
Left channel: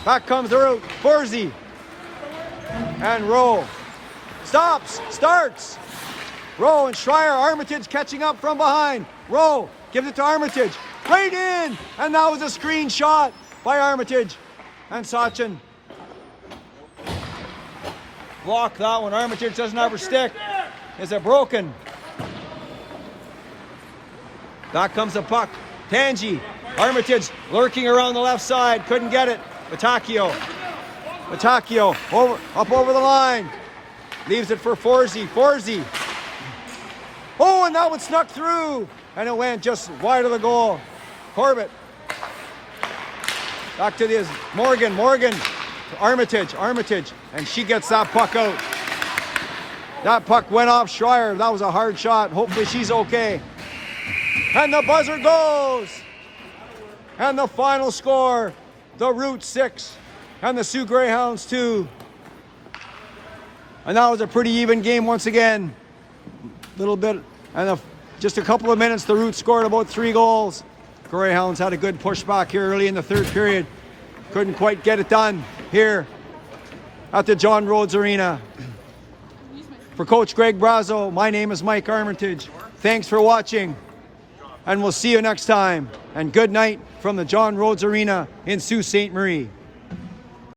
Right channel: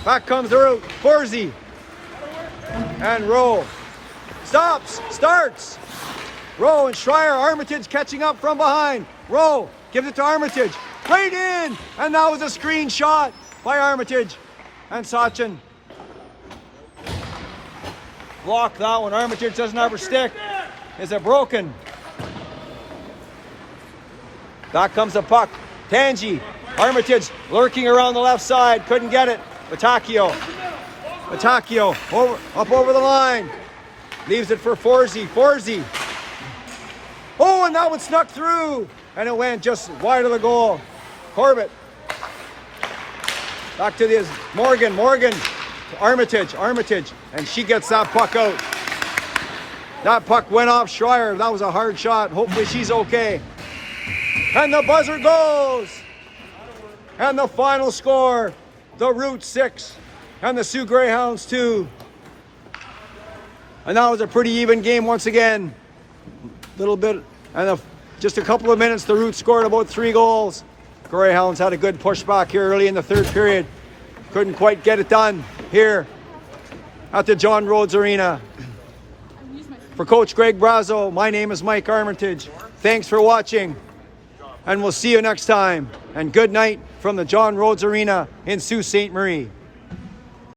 Back comes the Root. Forsey. And Rowe. Stops. Starts. Rowe and Schreier. Armitage catching up from behind. Rowe gives it to Armitage. Right in. And that was a screen shot by Armitage. And Sachin blocked that one. Armitage doesn't have her stick. Is it broken? Back comes the puck. Tangi. Armitage lurking around the left side. Couldn't get it. Batacchio. Batacchio up over the line. Leaves it for Forsey. Forsey. Oh, and that one snuck through. And it went just wide of the goal. Corbett. Back to this Morgan. Morgan to Armitage. Armitage. And she gets that puck out. That puck went off Schreier. That was a hard shot. Hopefully she's okay. And the buzzer goes. And the final score, the Root 6 and the Soo Greyhounds 2. And that was a pretty even game once again. Little bit, and just a couple of minutes, the Root scored about 3 goals. Greyhounds had a good pushback here early in the third period. Couldn't quite get it done here at the John Rhodes Arena. For Coach Greg Brazo, my name is Mike Armitage. Thanks for watching, and we'll see you next time. And good night from the John Rhodes Arena in Sault Ste. Marie.